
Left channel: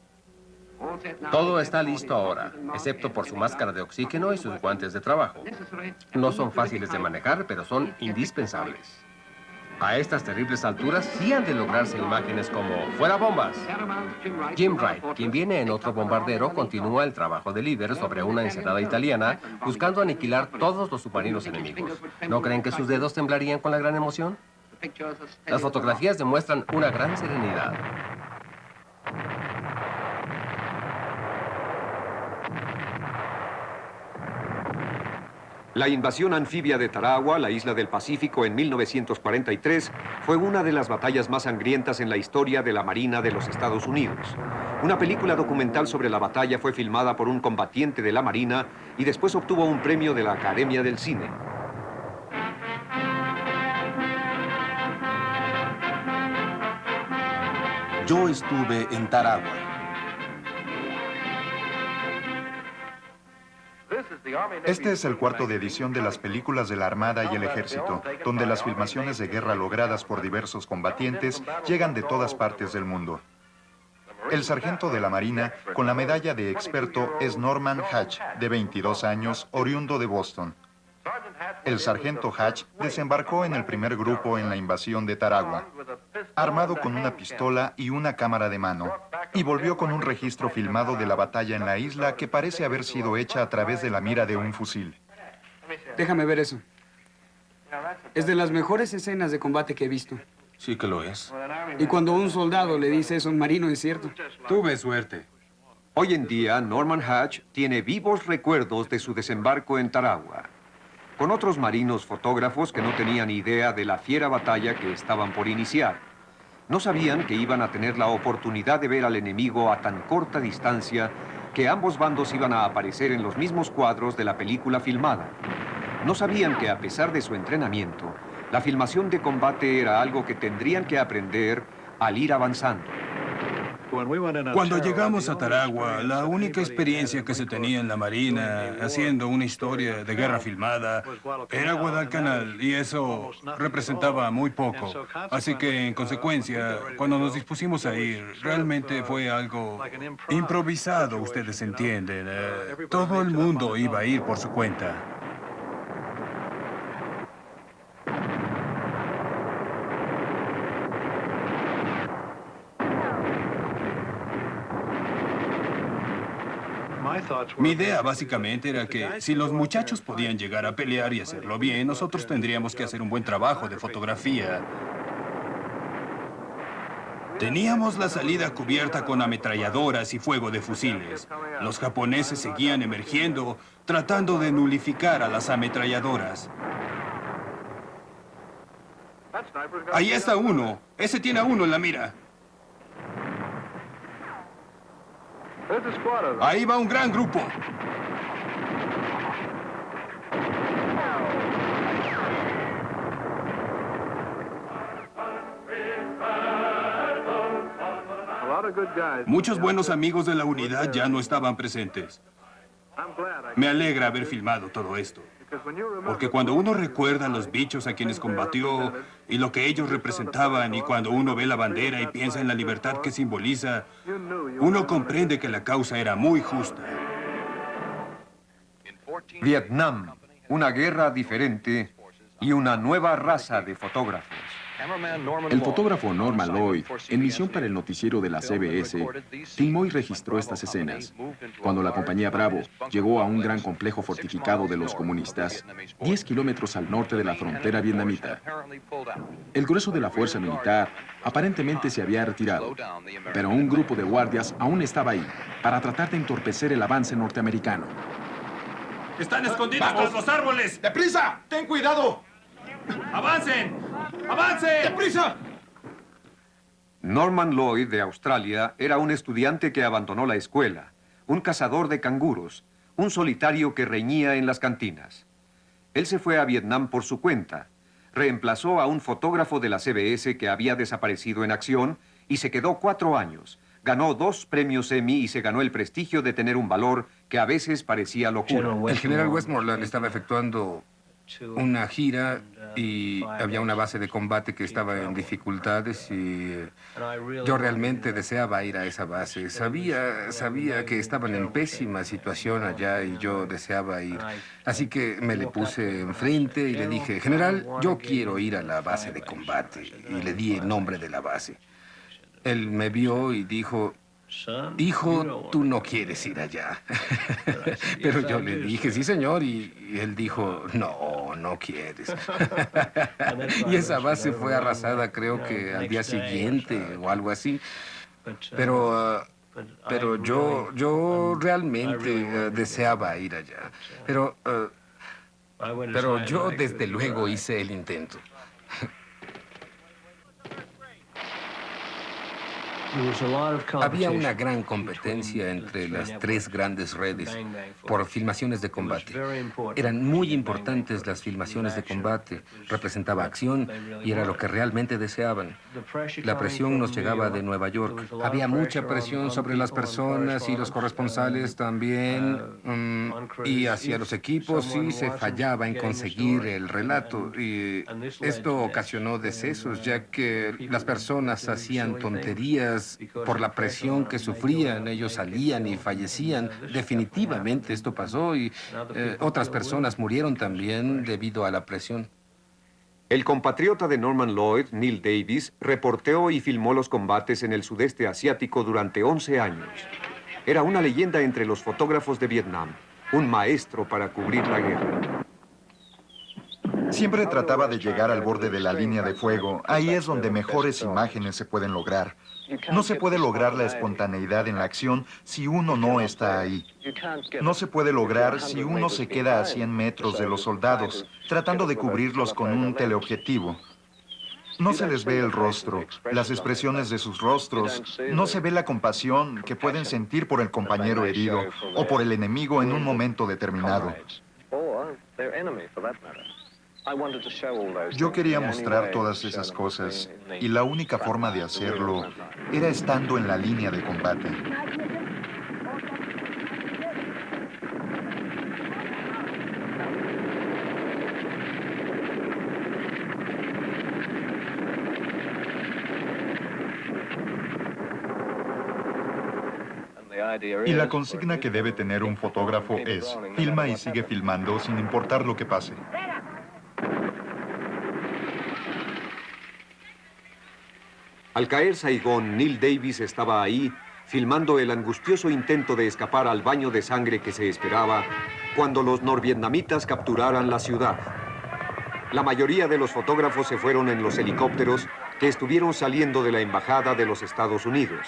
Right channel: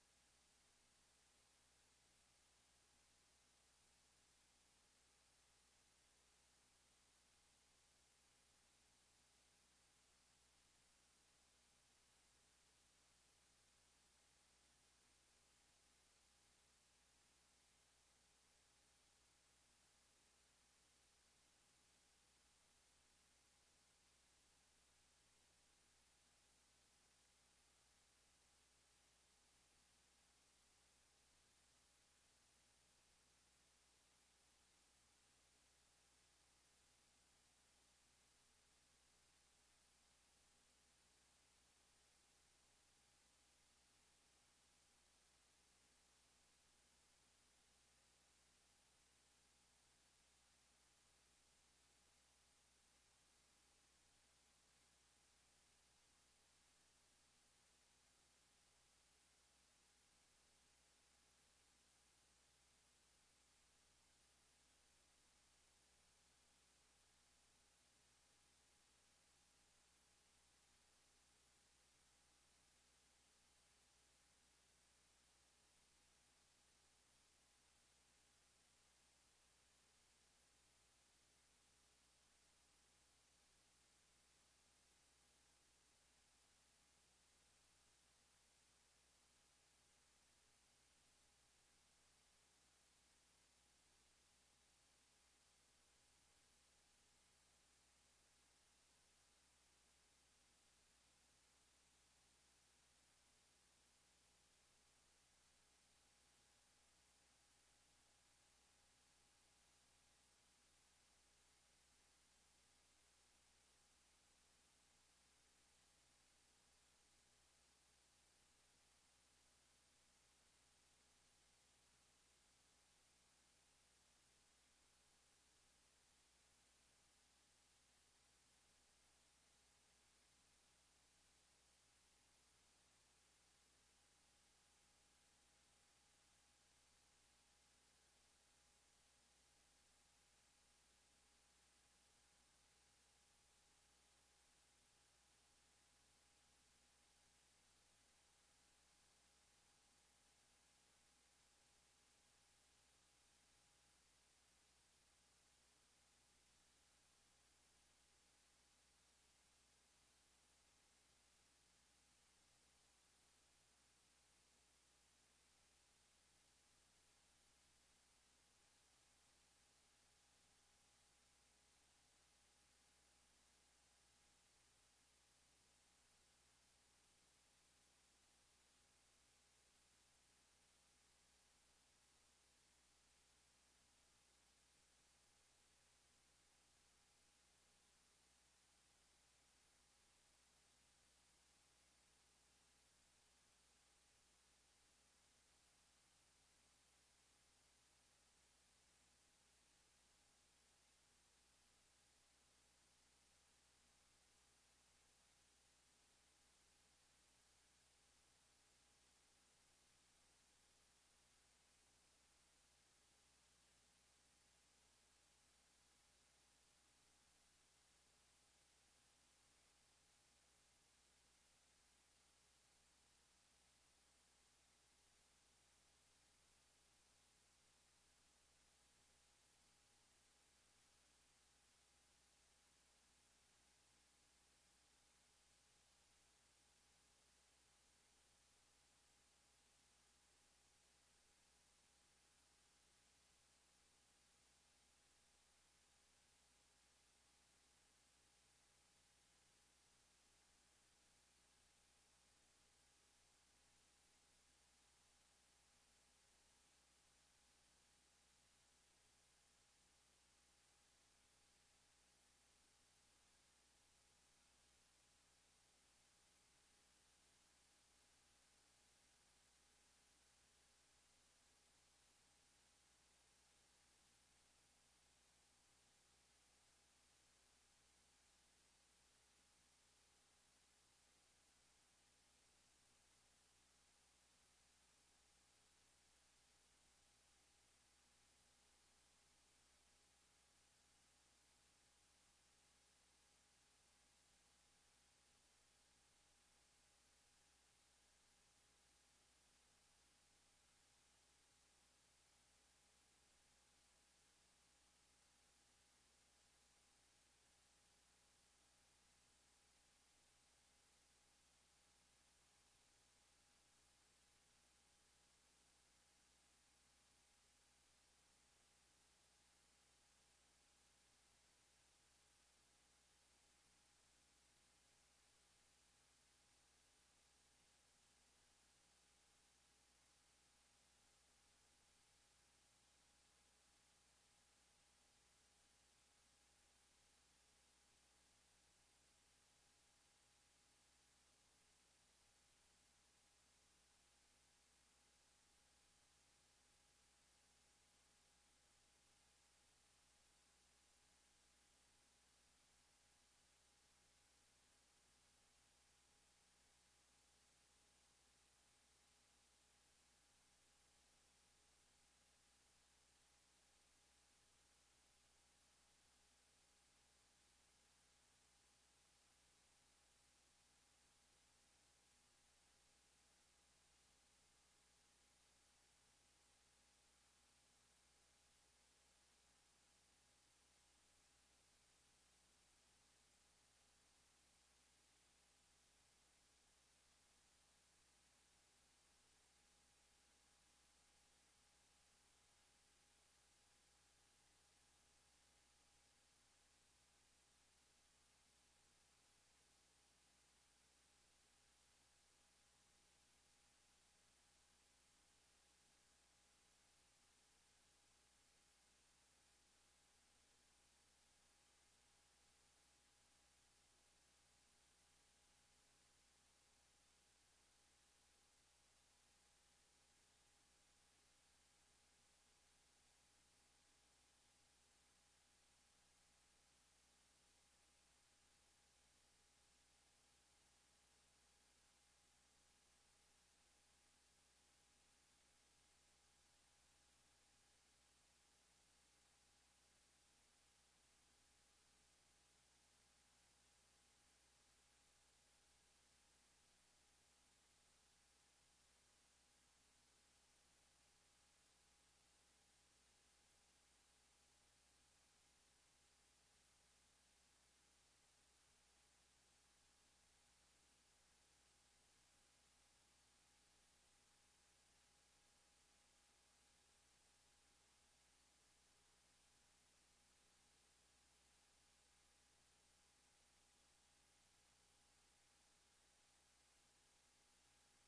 Todo está listo ahora, excepto por su máscara de oxígeno y sus guantes de trabajo. No son fáciles de manejar, pero son indispensables. A estas terribles alturas sí han de lograrse imágenes como ¡fuera bombas! Jim Wright, quien viene en otro bombardero, continúa el trabajo de líder sobre una ensenada italiana, buscando aniquilar todos los submarinos enemigos. ¿No creen que sus dedos temblarían con la gran emoción? Las fotografías demuestran una gran serenidad. La invasión anfibia de Tarawa, la isla del Pacífico, en 1943, fue una de las batallas más sangrientas en la historia de la Marina de los Estados Unidos. Una película documental sobre la batalla fue filmada por un combatiente de la Marina y después obtuvo un premio de la Academia del Cine. Yo estuve en Tarawa. Este es el cuarto de edición de las películas de la Armada y el Ejército, donde las filmaciones de guerra logradas por diversos combatientes llegan de todas partes del mundo. El sargento de la Marina, con la medalla de experto, es Norman Hatch, de 22 años, oriundo de Boston. El sargento Hatch desembarcó en el primer grupo en la invasión de Tarawa, armado con una pistola y una cámara de mano, y volvió con un registro filmado de la batalla en la isla que parece haber sido hecha a través de la mira de un fusil. Déjame ver eso. Es de las mejores escenas de combate que he visto. Sí que lo es. Y cuando un soldado le dice eso a un marino, es cierto. Tuve suerte. Hoy en día, Norman Hatch tiene vivos recuerdos de su desembarco en Tarawa, con otros marinos fotógrafos que no tenían idea de la fiera batalla que estaban por iniciar. No sabían que iban a tener la oportunidad de ver al enemigo a tan corta distancia que ambos bandos iban a aparecer en los mismos cuadros de la película filmada. No sabían que a pesar de su entrenamiento, la filmación de combate era algo que tendrían que aprender al ir avanzando. Cuando llegamos a Tarawa, la única experiencia que se tenía en la Marina haciendo una historia de guerra filmada era Guadalcanal, y eso representaba muy poco. Así que, en consecuencia, cuando nos dispusimos a ir, realmente fue algo improvisado, ustedes entienden. Todo el mundo iba a ir por su cuenta. Mi idea básicamente era que si los muchachos podían llegar a pelear y hacerlo bien, nosotros tendríamos que hacer un buen trabajo de fotografía. Teníamos la salida cubierta con ametralladoras y fuego de fusiles. Los japoneses seguían emergiendo, tratando de nulificar a las ametralladoras. Ahí está uno. Ese tiene a uno en la mira. Ahí va un gran grupo. Muchos buenos amigos de la unidad ya no estaban presentes. Me alegra haber filmado todo esto. Porque cuando uno recuerda a los bichos a quienes combatió y lo que ellos representaban, y cuando uno ve la bandera y piensa en la libertad que simboliza, uno comprende que la causa era muy justa. Vietnam, una guerra diferente y una nueva raza de fotógrafos. El fotógrafo Norman Lloyd, en misión para el noticiero de la CBS, filmó y registró estas escenas. Cuando la compañía Bravo llegó a un gran complejo fortificado de los comunistas, 10 kilómetros al norte de la frontera vietnamita. El grueso de la fuerza militar aparentemente se había retirado, pero un grupo de guardias aún estaba ahí para tratar de entorpecer el avance norteamericano. ¡Están escondidos tras los árboles! ¡Deprisa! ¡Ten cuidado! ¡Avancen! ¡Avancen! ¡Deprisa! Norman Lloyd, de Australia, era un estudiante que abandonó la escuela, un cazador de canguros, un solitario que reñía en las cantinas. Él se fue a Vietnam por su cuenta, reemplazó a un fotógrafo de la CBS que había desaparecido en acción y se quedó 4 años. Ganó 2 premios Emmy y se ganó el prestigio de tener un valor que a veces parecía locura. El general Westmoreland estaba efectuando una gira y había una base de combate que estaba en dificultades y yo realmente deseaba ir a esa base. Sabía que estaban en pésima situación allá y yo deseaba ir. Así que me le puse enfrente y le dije, general, yo quiero ir a la base de combate. Y le di el nombre de la base. Él me vio y dijo, hijo, tú no quieres ir allá. Pero yo le dije, sí, señor, y él dijo, no quieres. Y esa base fue arrasada, creo que al día siguiente o algo así. Pero yo realmente deseaba ir allá. Pero yo desde luego hice el intento. Había una gran competencia entre las 3 grandes redes por filmaciones de combate. Eran muy importantes las filmaciones de combate, representaba acción y era lo que realmente deseaban. La presión nos llegaba de Nueva York. Había mucha presión sobre las personas y los corresponsales también, y hacia los equipos sí se fallaba en conseguir el relato. Y esto ocasionó decesos, ya que las personas hacían tonterías por la presión que sufrían. Ellos salían y fallecían. Definitivamente esto pasó y otras personas murieron también debido a la presión. El compatriota de Norman Lloyd, Neil Davis, reporteó y filmó los combates en el sudeste asiático durante 11 años. Era una leyenda entre los fotógrafos de Vietnam, un maestro para cubrir la guerra. Siempre trataba de llegar al borde de la línea de fuego. Ahí es donde mejores imágenes se pueden lograr. No se puede lograr la espontaneidad en la acción si uno no está ahí. No se puede lograr si uno se queda a 100 metros de los soldados, tratando de cubrirlos con un teleobjetivo. No se les ve el rostro, las expresiones de sus rostros, no se ve la compasión que pueden sentir por el compañero herido o por el enemigo en un momento determinado. Yo quería mostrar todas esas cosas y la única forma de hacerlo era estando en la línea de combate. Y la consigna que debe tener un fotógrafo es, filma y sigue filmando sin importar lo que pase. Al caer Saigón, Neil Davis estaba ahí, filmando el angustioso intento de escapar al baño de sangre que se esperaba cuando los norvietnamitas capturaran la ciudad. La mayoría de los fotógrafos se fueron en los helicópteros que estuvieron saliendo de la embajada de los Estados Unidos.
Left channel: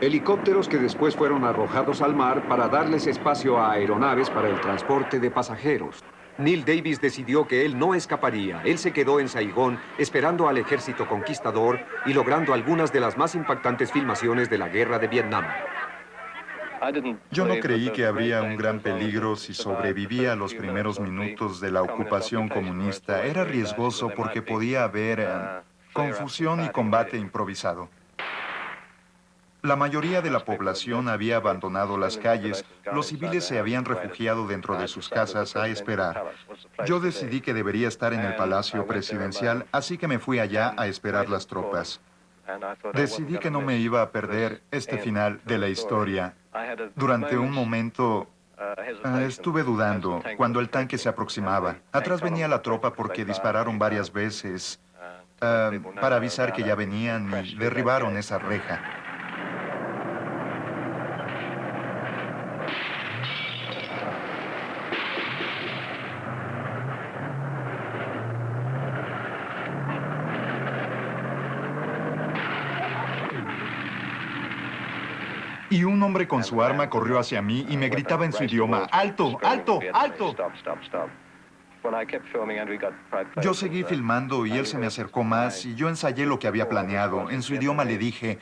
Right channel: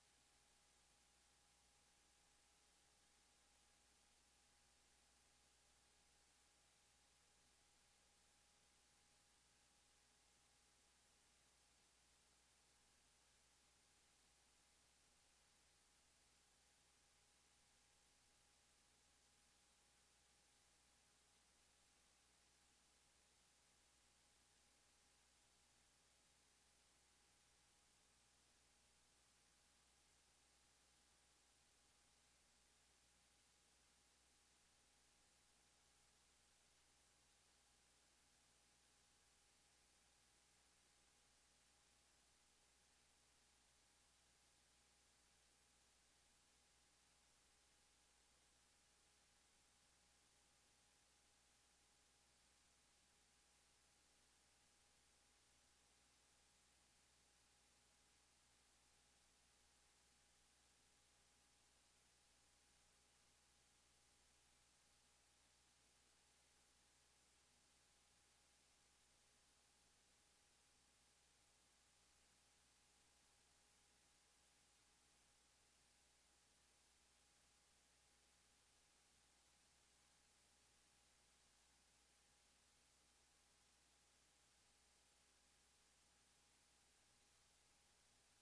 Helicópteros que después fueron arrojados al mar para darles espacio a aeronaves para el transporte de pasajeros. Neil Davis decidió que él no escaparía. Él se quedó en Saigón esperando al ejército conquistador y logrando algunas de las más impactantes filmaciones de la guerra de Vietnam. Yo no creí que habría un gran peligro si sobrevivía a los primeros minutos de la ocupación comunista. Era riesgoso porque podía haber confusión y combate improvisado. La mayoría de la población había abandonado las calles. Los civiles se habían refugiado dentro de sus casas a esperar. Yo decidí que debería estar en el Palacio Presidencial, así que me fui allá a esperar las tropas. Decidí que no me iba a perder este final de la historia. Durante un momento estuve dudando cuando el tanque se aproximaba. Atrás venía la tropa porque dispararon varias veces para avisar que ya venían y derribaron esa reja. Y un hombre con su arma corrió hacia mí y me gritaba en su idioma, ¡alto, alto, alto! Yo seguí filmando y él se me acercó más y yo ensayé lo que había planeado. En su idioma le dije,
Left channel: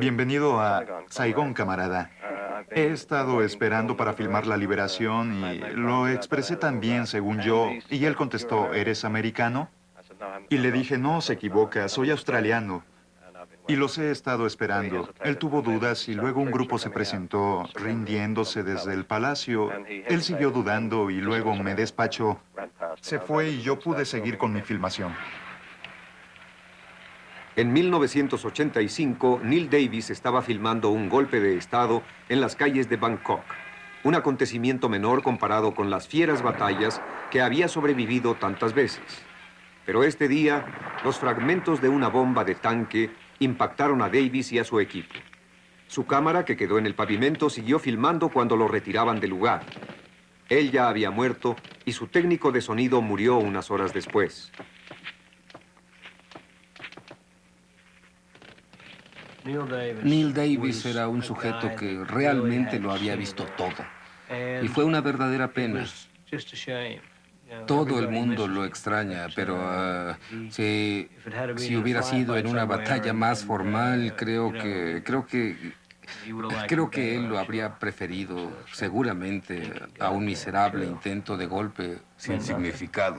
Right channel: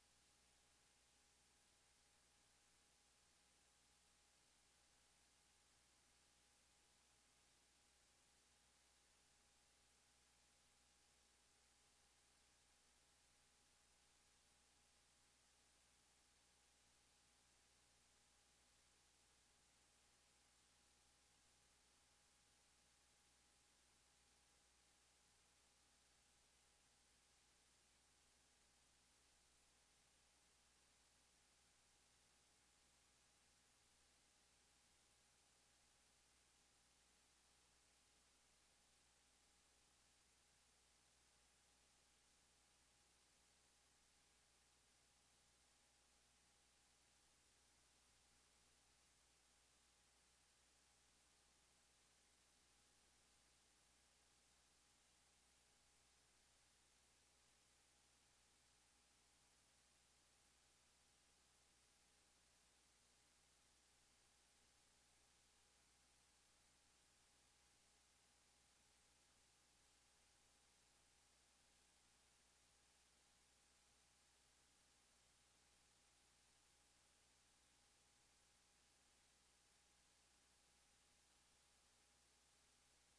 bienvenido a Saigón, camarada. He estado esperando para filmar la liberación y lo expresé tan bien, según yo. Y él contestó, ¿eres americano? Y le dije, no, se equivoca, soy australiano. Y los he estado esperando. Él tuvo dudas y luego un grupo se presentó rindiéndose desde el palacio. Él siguió dudando y luego me despachó. Se fue y yo pude seguir con mi filmación. En 1985, Neil Davis estaba filmando un golpe de Estado en las calles de Bangkok. Un acontecimiento menor comparado con las fieras batallas que había sobrevivido tantas veces. Pero este día, los fragmentos de una bomba de tanque impactaron a Davis y a su equipo. Su cámara, que quedó en el pavimento, siguió filmando cuando lo retiraban del lugar. Él ya había muerto y su técnico de sonido murió unas horas después. Neil Davis era un sujeto que realmente lo había visto todo. Y fue una verdadera pena. Todo el mundo lo extraña, pero si hubiera sido en una batalla más formal, creo que él lo habría preferido, seguramente, a un miserable intento de golpe sin significado.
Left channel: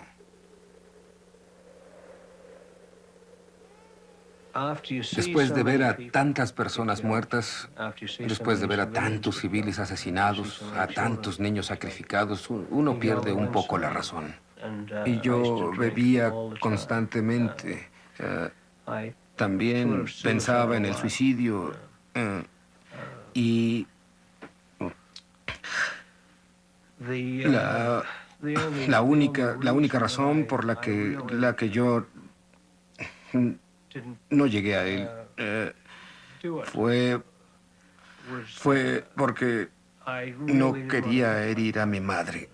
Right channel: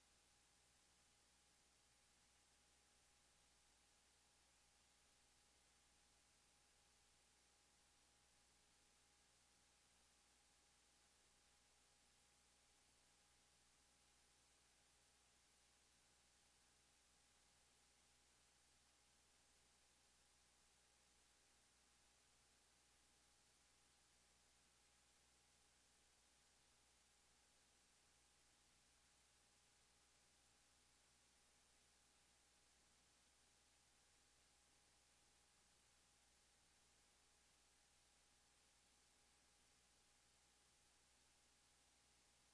Después de ver a tantas personas muertas, después de ver a tantos civiles asesinados, a tantos niños sacrificados, uno pierde un poco la razón. Y yo bebía constantemente. También pensaba en el suicidio. Y la única razón por la que yo no llegué a él fue porque no quería herir a mi madre.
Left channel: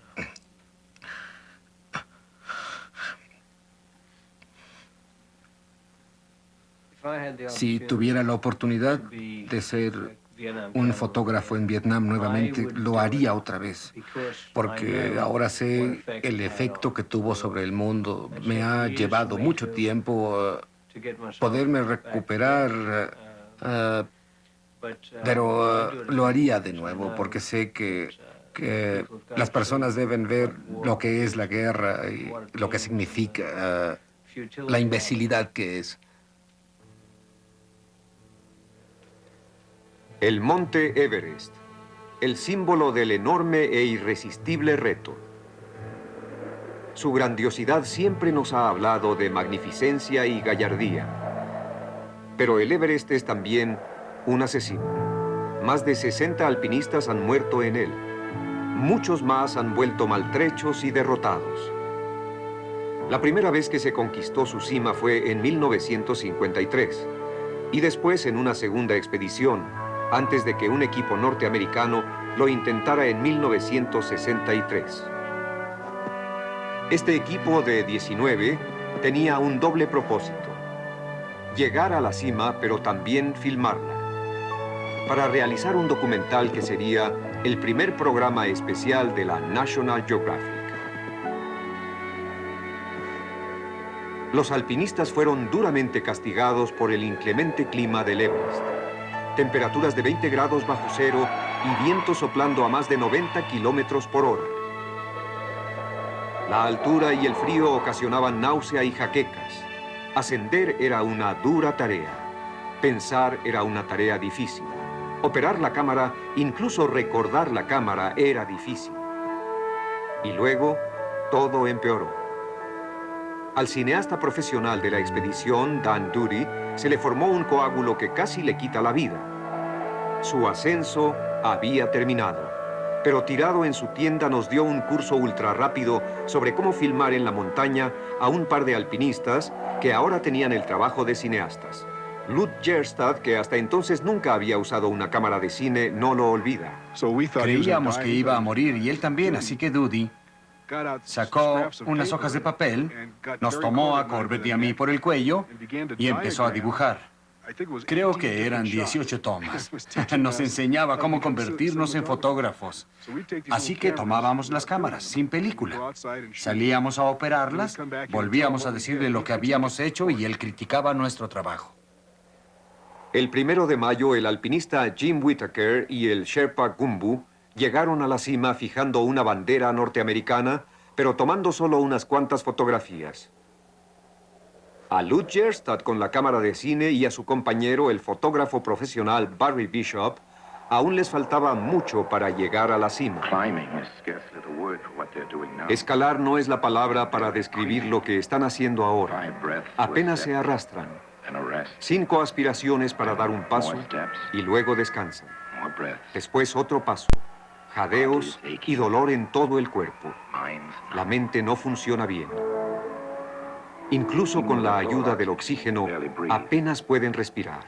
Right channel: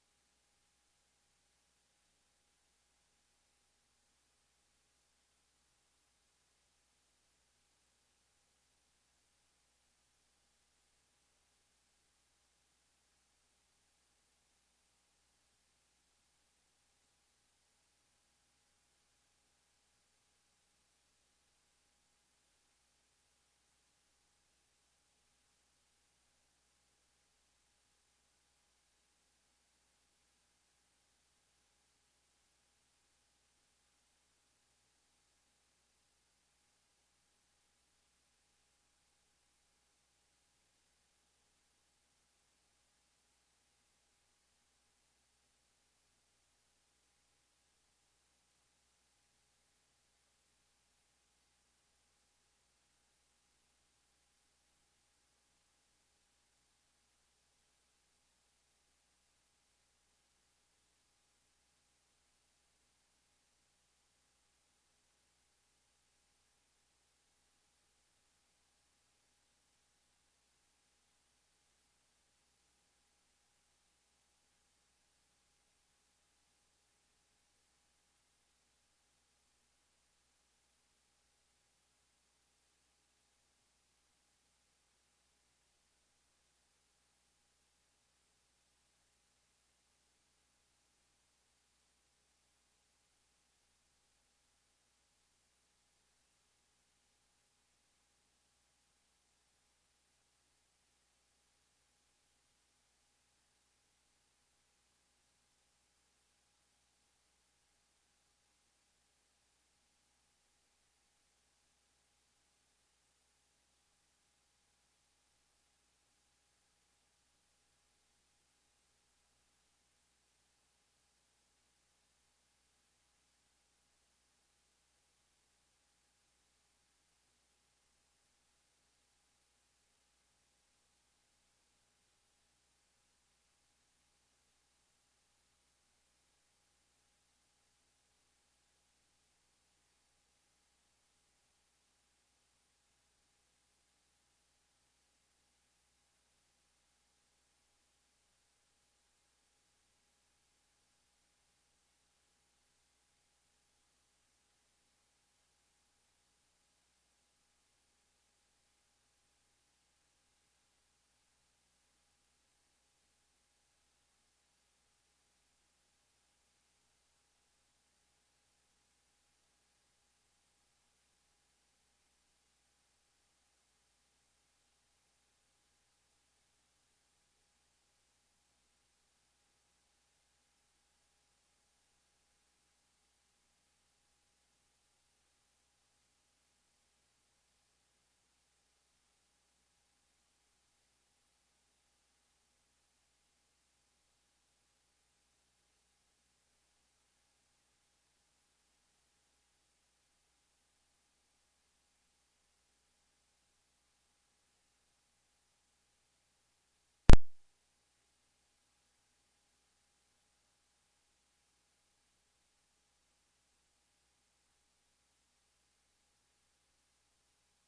Si tuviera la oportunidad de ser un fotógrafo en Vietnam nuevamente, lo haría otra vez, porque ahora sé el efecto que tuvo sobre el mundo. Me ha llevado mucho tiempo poderme recuperar, pero lo haría de nuevo, porque sé que las personas deben ver lo que es la guerra y lo que significa, la imbecilidad que es. El monte Everest, el símbolo del enorme e irresistible reto. Su grandiosidad siempre nos ha hablado de magnificencia y gallardía. Pero el Everest es también un asesino. Más de 60 alpinistas han muerto en él. Muchos más han vuelto maltrechos y derrotados. La primera vez que se conquistó su cima fue en 1953 y después en una segunda expedición, antes de que un equipo norteamericano lo intentara en 1963. Este equipo de 19 tenía un doble propósito: llegar a la cima, pero también filmarla, para realizar un documental que sería el primer programa especial de la National Geographic. Los alpinistas fueron duramente castigados por el inclemente clima del Everest. Temperaturas de 20 grados bajo cero y vientos soplando a más de 90 kilómetros por hora. La altura y el frío ocasionaban náusea y jaquecas. Ascender era una dura tarea. Pensar era una tarea difícil. Operar la cámara, incluso recordar la cámara, era difícil. Y luego, todo empeoró. Al cineasta profesional de la expedición, Dan Dury, se le formó un coágulo que casi le quita la vida. Su ascenso había terminado, pero tirado en su tienda nos dio un curso ultra rápido sobre cómo filmar en la montaña a un par de alpinistas que ahora tenían el trabajo de cineastas. Lud Gjerstad, que hasta entonces nunca había usado una cámara de cine, no lo olvida. Creíamos que iba a morir y él también, así que Dudy sacó unas hojas de papel, nos tomó a Corbett y a mí por el cuello y empezó a dibujar. Creo que eran 18 tomas. Nos enseñaba cómo convertirnos en fotógrafos. Así que tomábamos las cámaras, sin película. Salíamos a operarlas, volvíamos a decirle lo que habíamos hecho y él criticaba nuestro trabajo. El 1 de mayo, el alpinista Jim Whittaker y el Sherpa Gumbu llegaron a la cima fijando una bandera norteamericana, pero tomando solo unas cuantas fotografías. A Lud Gjerstad con la cámara de cine y a su compañero, el fotógrafo profesional Barry Bishop, aún les faltaba mucho para llegar a la cima. Escalar no es la palabra para describir lo que están haciendo ahora. Apenas se arrastran. 5 aspiraciones para dar un paso y luego descansan. Después otro paso. Jadeos y dolor en todo el cuerpo. La mente no funciona bien. Incluso con la ayuda del oxígeno, apenas pueden respirar.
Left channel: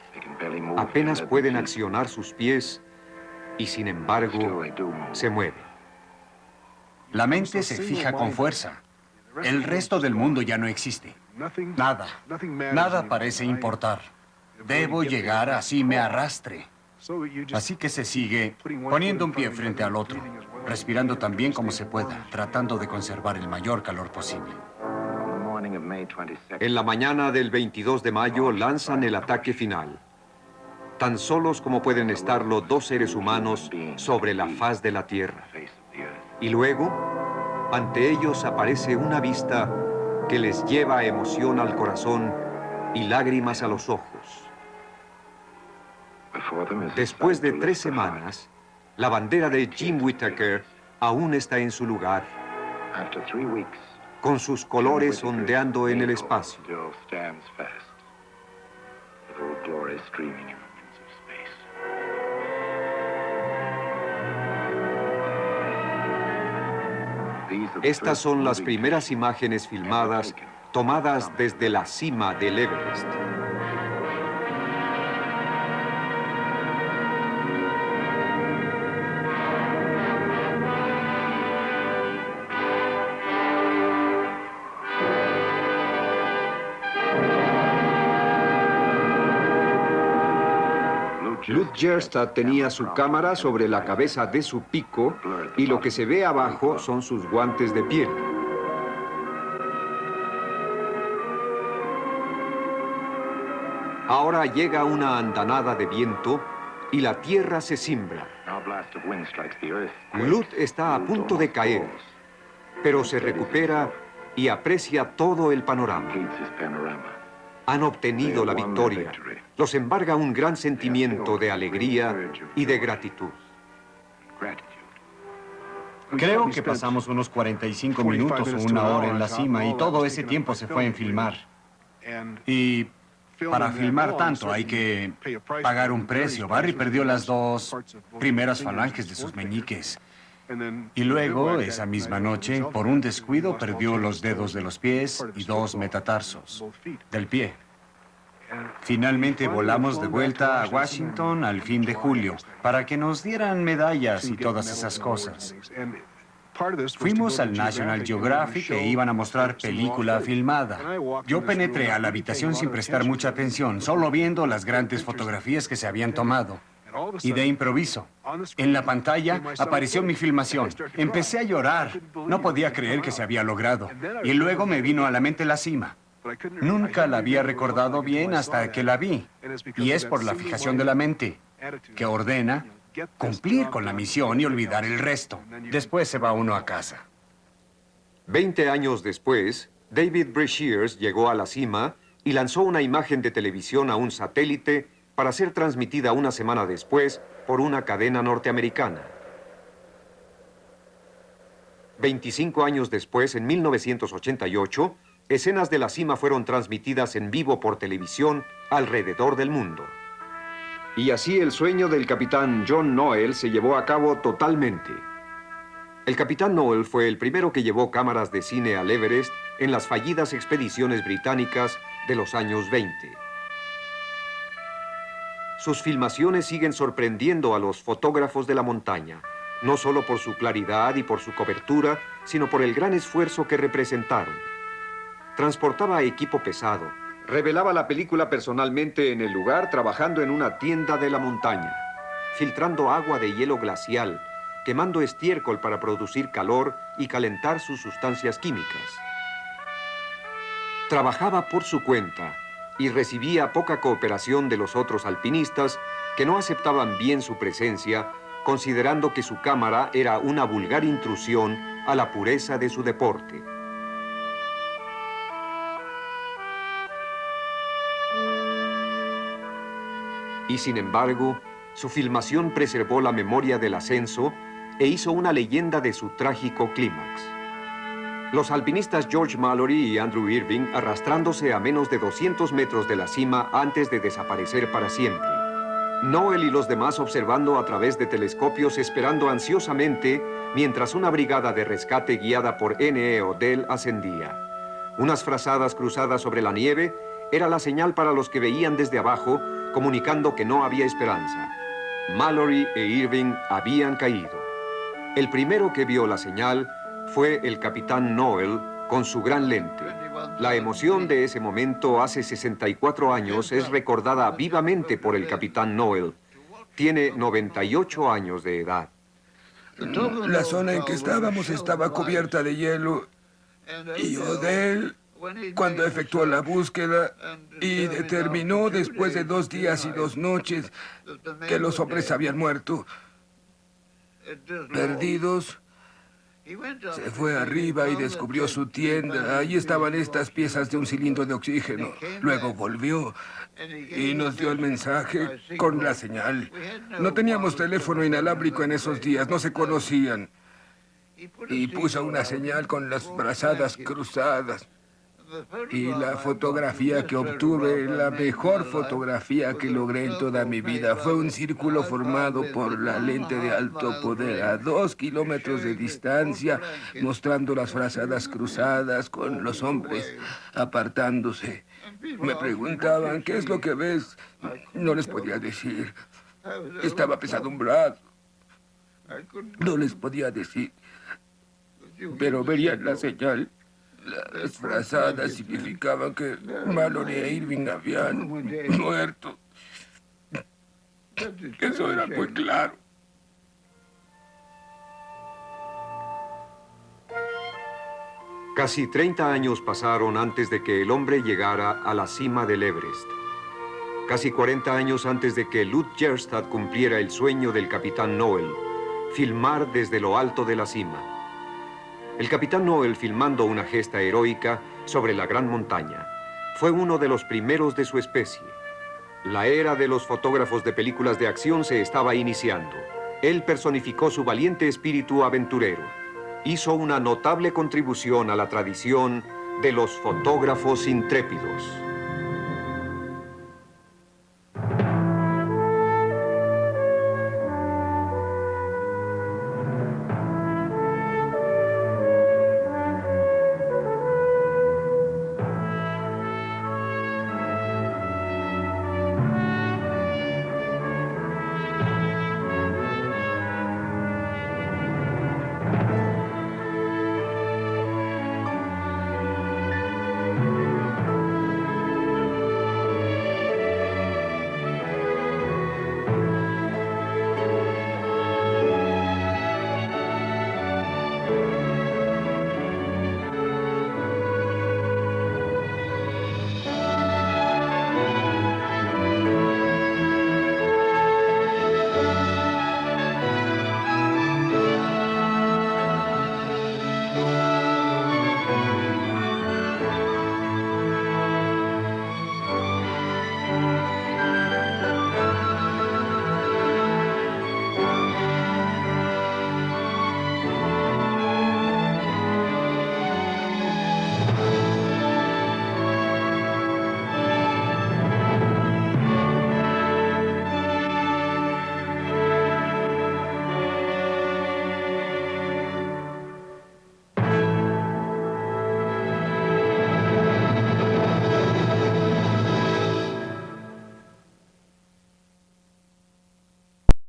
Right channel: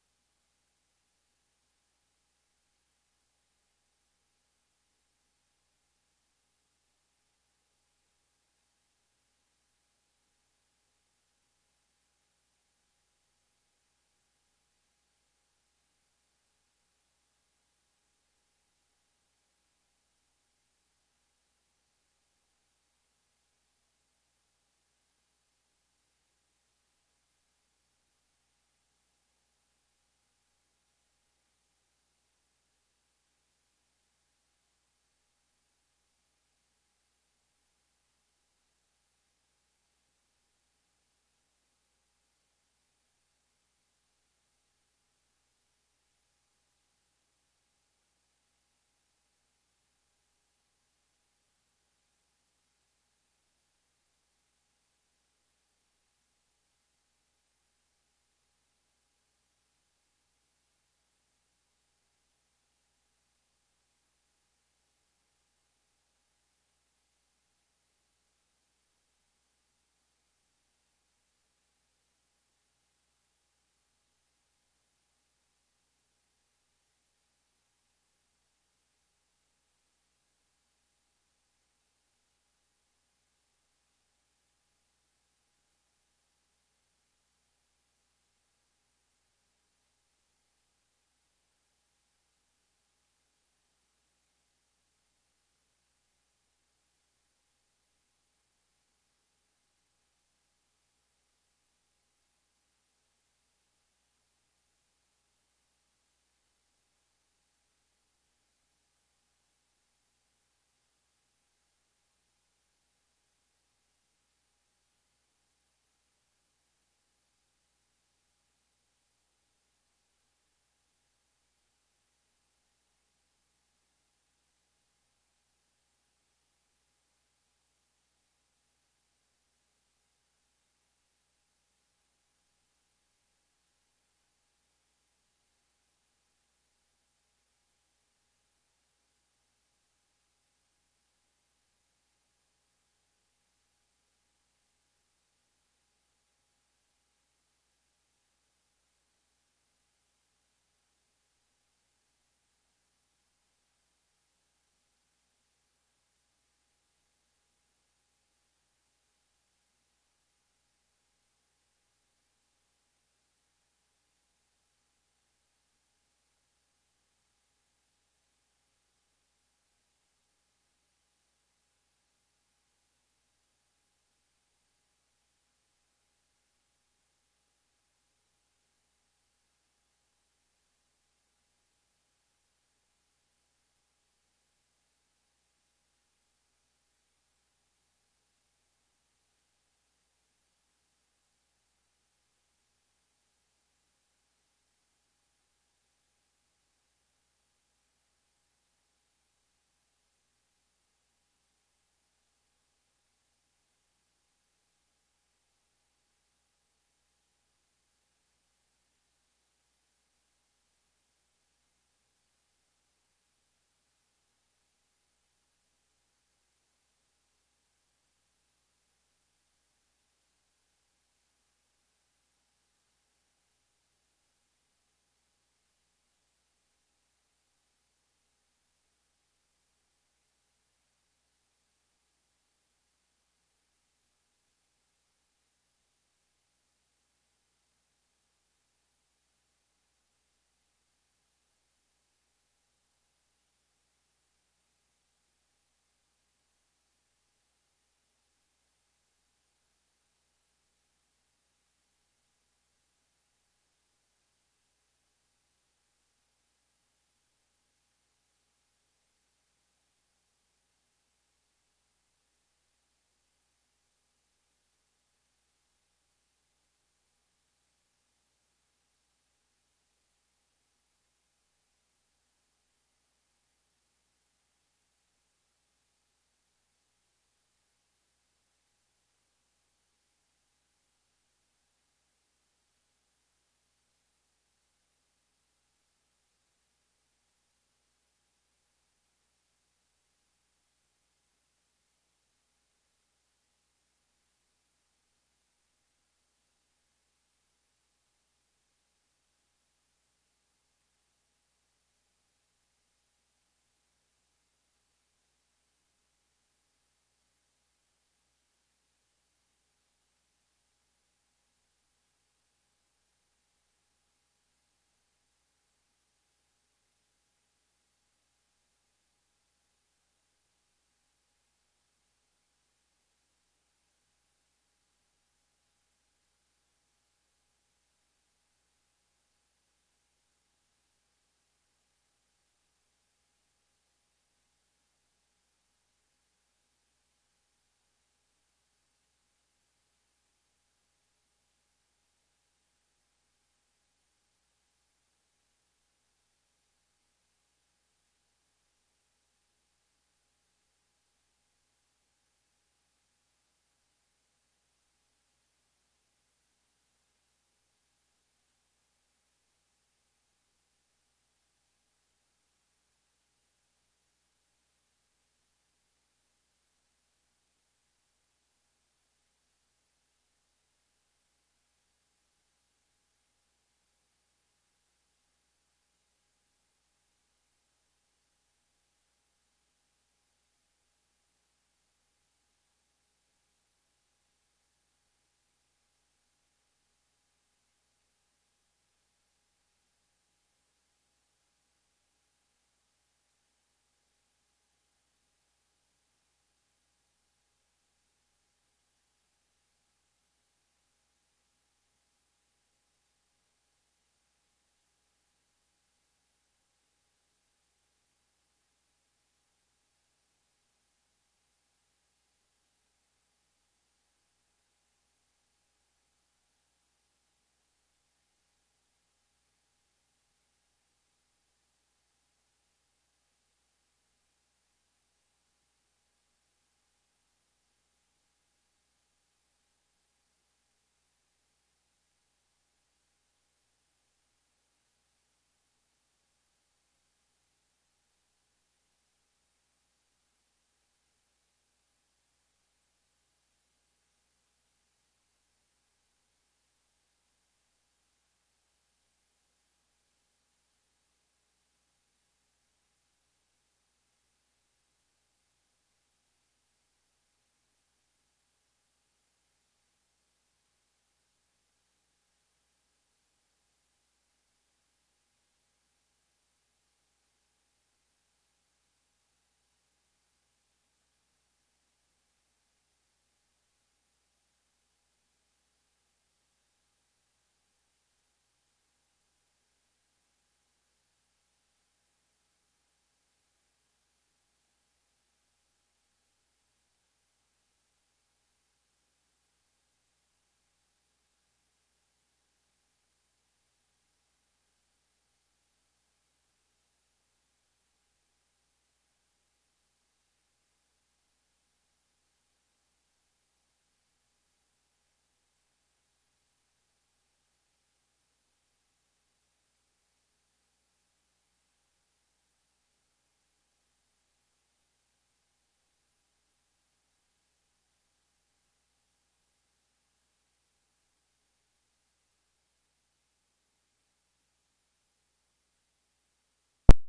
Apenas pueden accionar sus pies y, sin embargo, se mueven. La mente se fija con fuerza. El resto del mundo ya no existe. Nada parece importar. Debo llegar así me arrastre. Así que se sigue poniendo un pie frente al otro, respirando tan bien como se pueda, tratando de conservar el mayor calor posible. En la mañana del 22 de mayo lanzan el ataque final. Tan solos como pueden estarlo 2 seres humanos sobre la faz de la Tierra. Y luego, ante ellos aparece una vista que les lleva emoción al corazón y lágrimas a los ojos. Después de 3 semanas, la bandera de Jim Whittaker aún está en su lugar, con sus colores ondeando en el espacio. Estas son las primeras imágenes filmadas tomadas desde la cima del Everest. Lud Gjerstad tenía su cámara sobre la cabeza de su pico y lo que se ve abajo son sus guantes de piel. Ahora llega una andanada de viento y la tierra se cimbra. Lud está a punto de caer, pero se recupera y aprecia todo el panorama. Han obtenido la victoria. Los embarga un gran sentimiento de alegría y de gratitud. Creo que pasamos unos 45 minutos o 1 hora en la cima y todo ese tiempo se fue en filmar. Y para filmar tanto hay que pagar un precio. Barry perdió las 2 primeras falanges de sus meñiques. Y luego, esa misma noche, por un descuido, perdió los dedos de los pies y 2 metatarsos del pie. Finalmente volamos de vuelta a Washington al fin de julio para que nos dieran medallas y todas esas cosas. Fuimos al National Geographic e iban a mostrar película filmada. Yo penetré a la habitación sin prestar mucha atención, solo viendo las grandes fotografías que se habían tomado. Y de improviso, en la pantalla apareció mi filmación. Empecé a llorar. No podía creer que se había logrado. Y luego me vino a la mente la cima. Nunca la había recordado bien hasta que la vi. Y es por la fijación de la mente, que ordena cumplir con la misión y olvidar el resto. Después se va uno a casa. 20 años después, David Brashears llegó a la cima y lanzó una imagen de televisión a un satélite para ser transmitida una semana después por una cadena norteamericana. 25 años después, en 1988, escenas de la cima fueron transmitidas en vivo por televisión alrededor del mundo. Y así el sueño del capitán John Noel se llevó a cabo totalmente. El capitán Noel fue el primero que llevó cámaras de cine al Everest en las fallidas expediciones británicas de los años 20. Sus filmaciones siguen sorprendiendo a los fotógrafos de la montaña, no solo por su claridad y por su cobertura, sino por el gran esfuerzo que representaron. Transportaba equipo pesado, revelaba la película personalmente en el lugar, trabajando en una tienda de la montaña, filtrando agua de hielo glacial, quemando estiércol para producir calor y calentar sus sustancias químicas. Trabajaba por su cuenta y recibía poca cooperación de los otros alpinistas que no aceptaban bien su presencia, considerando que su cámara era una vulgar intrusión a la pureza de su deporte. Y sin embargo, su filmación preservó la memoria del ascenso e hizo una leyenda de su trágico clímax. Los alpinistas George Mallory y Andrew Irving arrastrándose a menos de 200 metros de la cima antes de desaparecer para siempre. Noel y los demás observando a través de telescopios, esperando ansiosamente mientras una brigada de rescate guiada por N.E. Odell ascendía. Unas frazadas cruzadas sobre la nieve era la señal para los que veían desde abajo, comunicando que no había esperanza. Mallory e Irving habían caído. El primero que vio la señal fue el capitán Noel con su gran lente. La emoción de ese momento hace 64 años es recordada vivamente por el capitán Noel. Tiene 98 años de edad. La zona en que estábamos estaba cubierta de hielo y Odell, cuando efectuó la búsqueda y determinó después de 2 días y 2 noches que los hombres habían muerto, perdidos, se fue arriba y descubrió su tienda. Ahí estaban estas piezas de un cilindro de oxígeno. Luego volvió y nos dio el mensaje con la señal. No teníamos teléfono inalámbrico en esos días, no se conocían. Y puso una señal con las brazadas cruzadas. Y la fotografía que obtuve, la mejor fotografía que logré en toda mi vida, fue un círculo formado por la lente de alto poder a 2 kilómetros de distancia, mostrando las frazadas cruzadas con los hombres apartándose. Me preguntaban, ¿qué es lo que ves? No les podía decir. Estaba apesadumbrado. No les podía decir. Pero verían la señal. Las frazadas significaban que Mallory e Irving habían muerto. Eso era muy claro. Casi 30 años pasaron antes de que el hombre llegara a la cima del Everest. Casi 40 años antes de que Lud Gjerstad cumpliera el sueño del capitán Noel, filmar desde lo alto de la cima. El capitán Noel, filmando una gesta heroica sobre la gran montaña, fue uno de los primeros de su especie. La era de los fotógrafos de películas de acción se estaba iniciando. Él personificó su valiente espíritu aventurero. Hizo una notable contribución a la tradición de los fotógrafos intrépidos.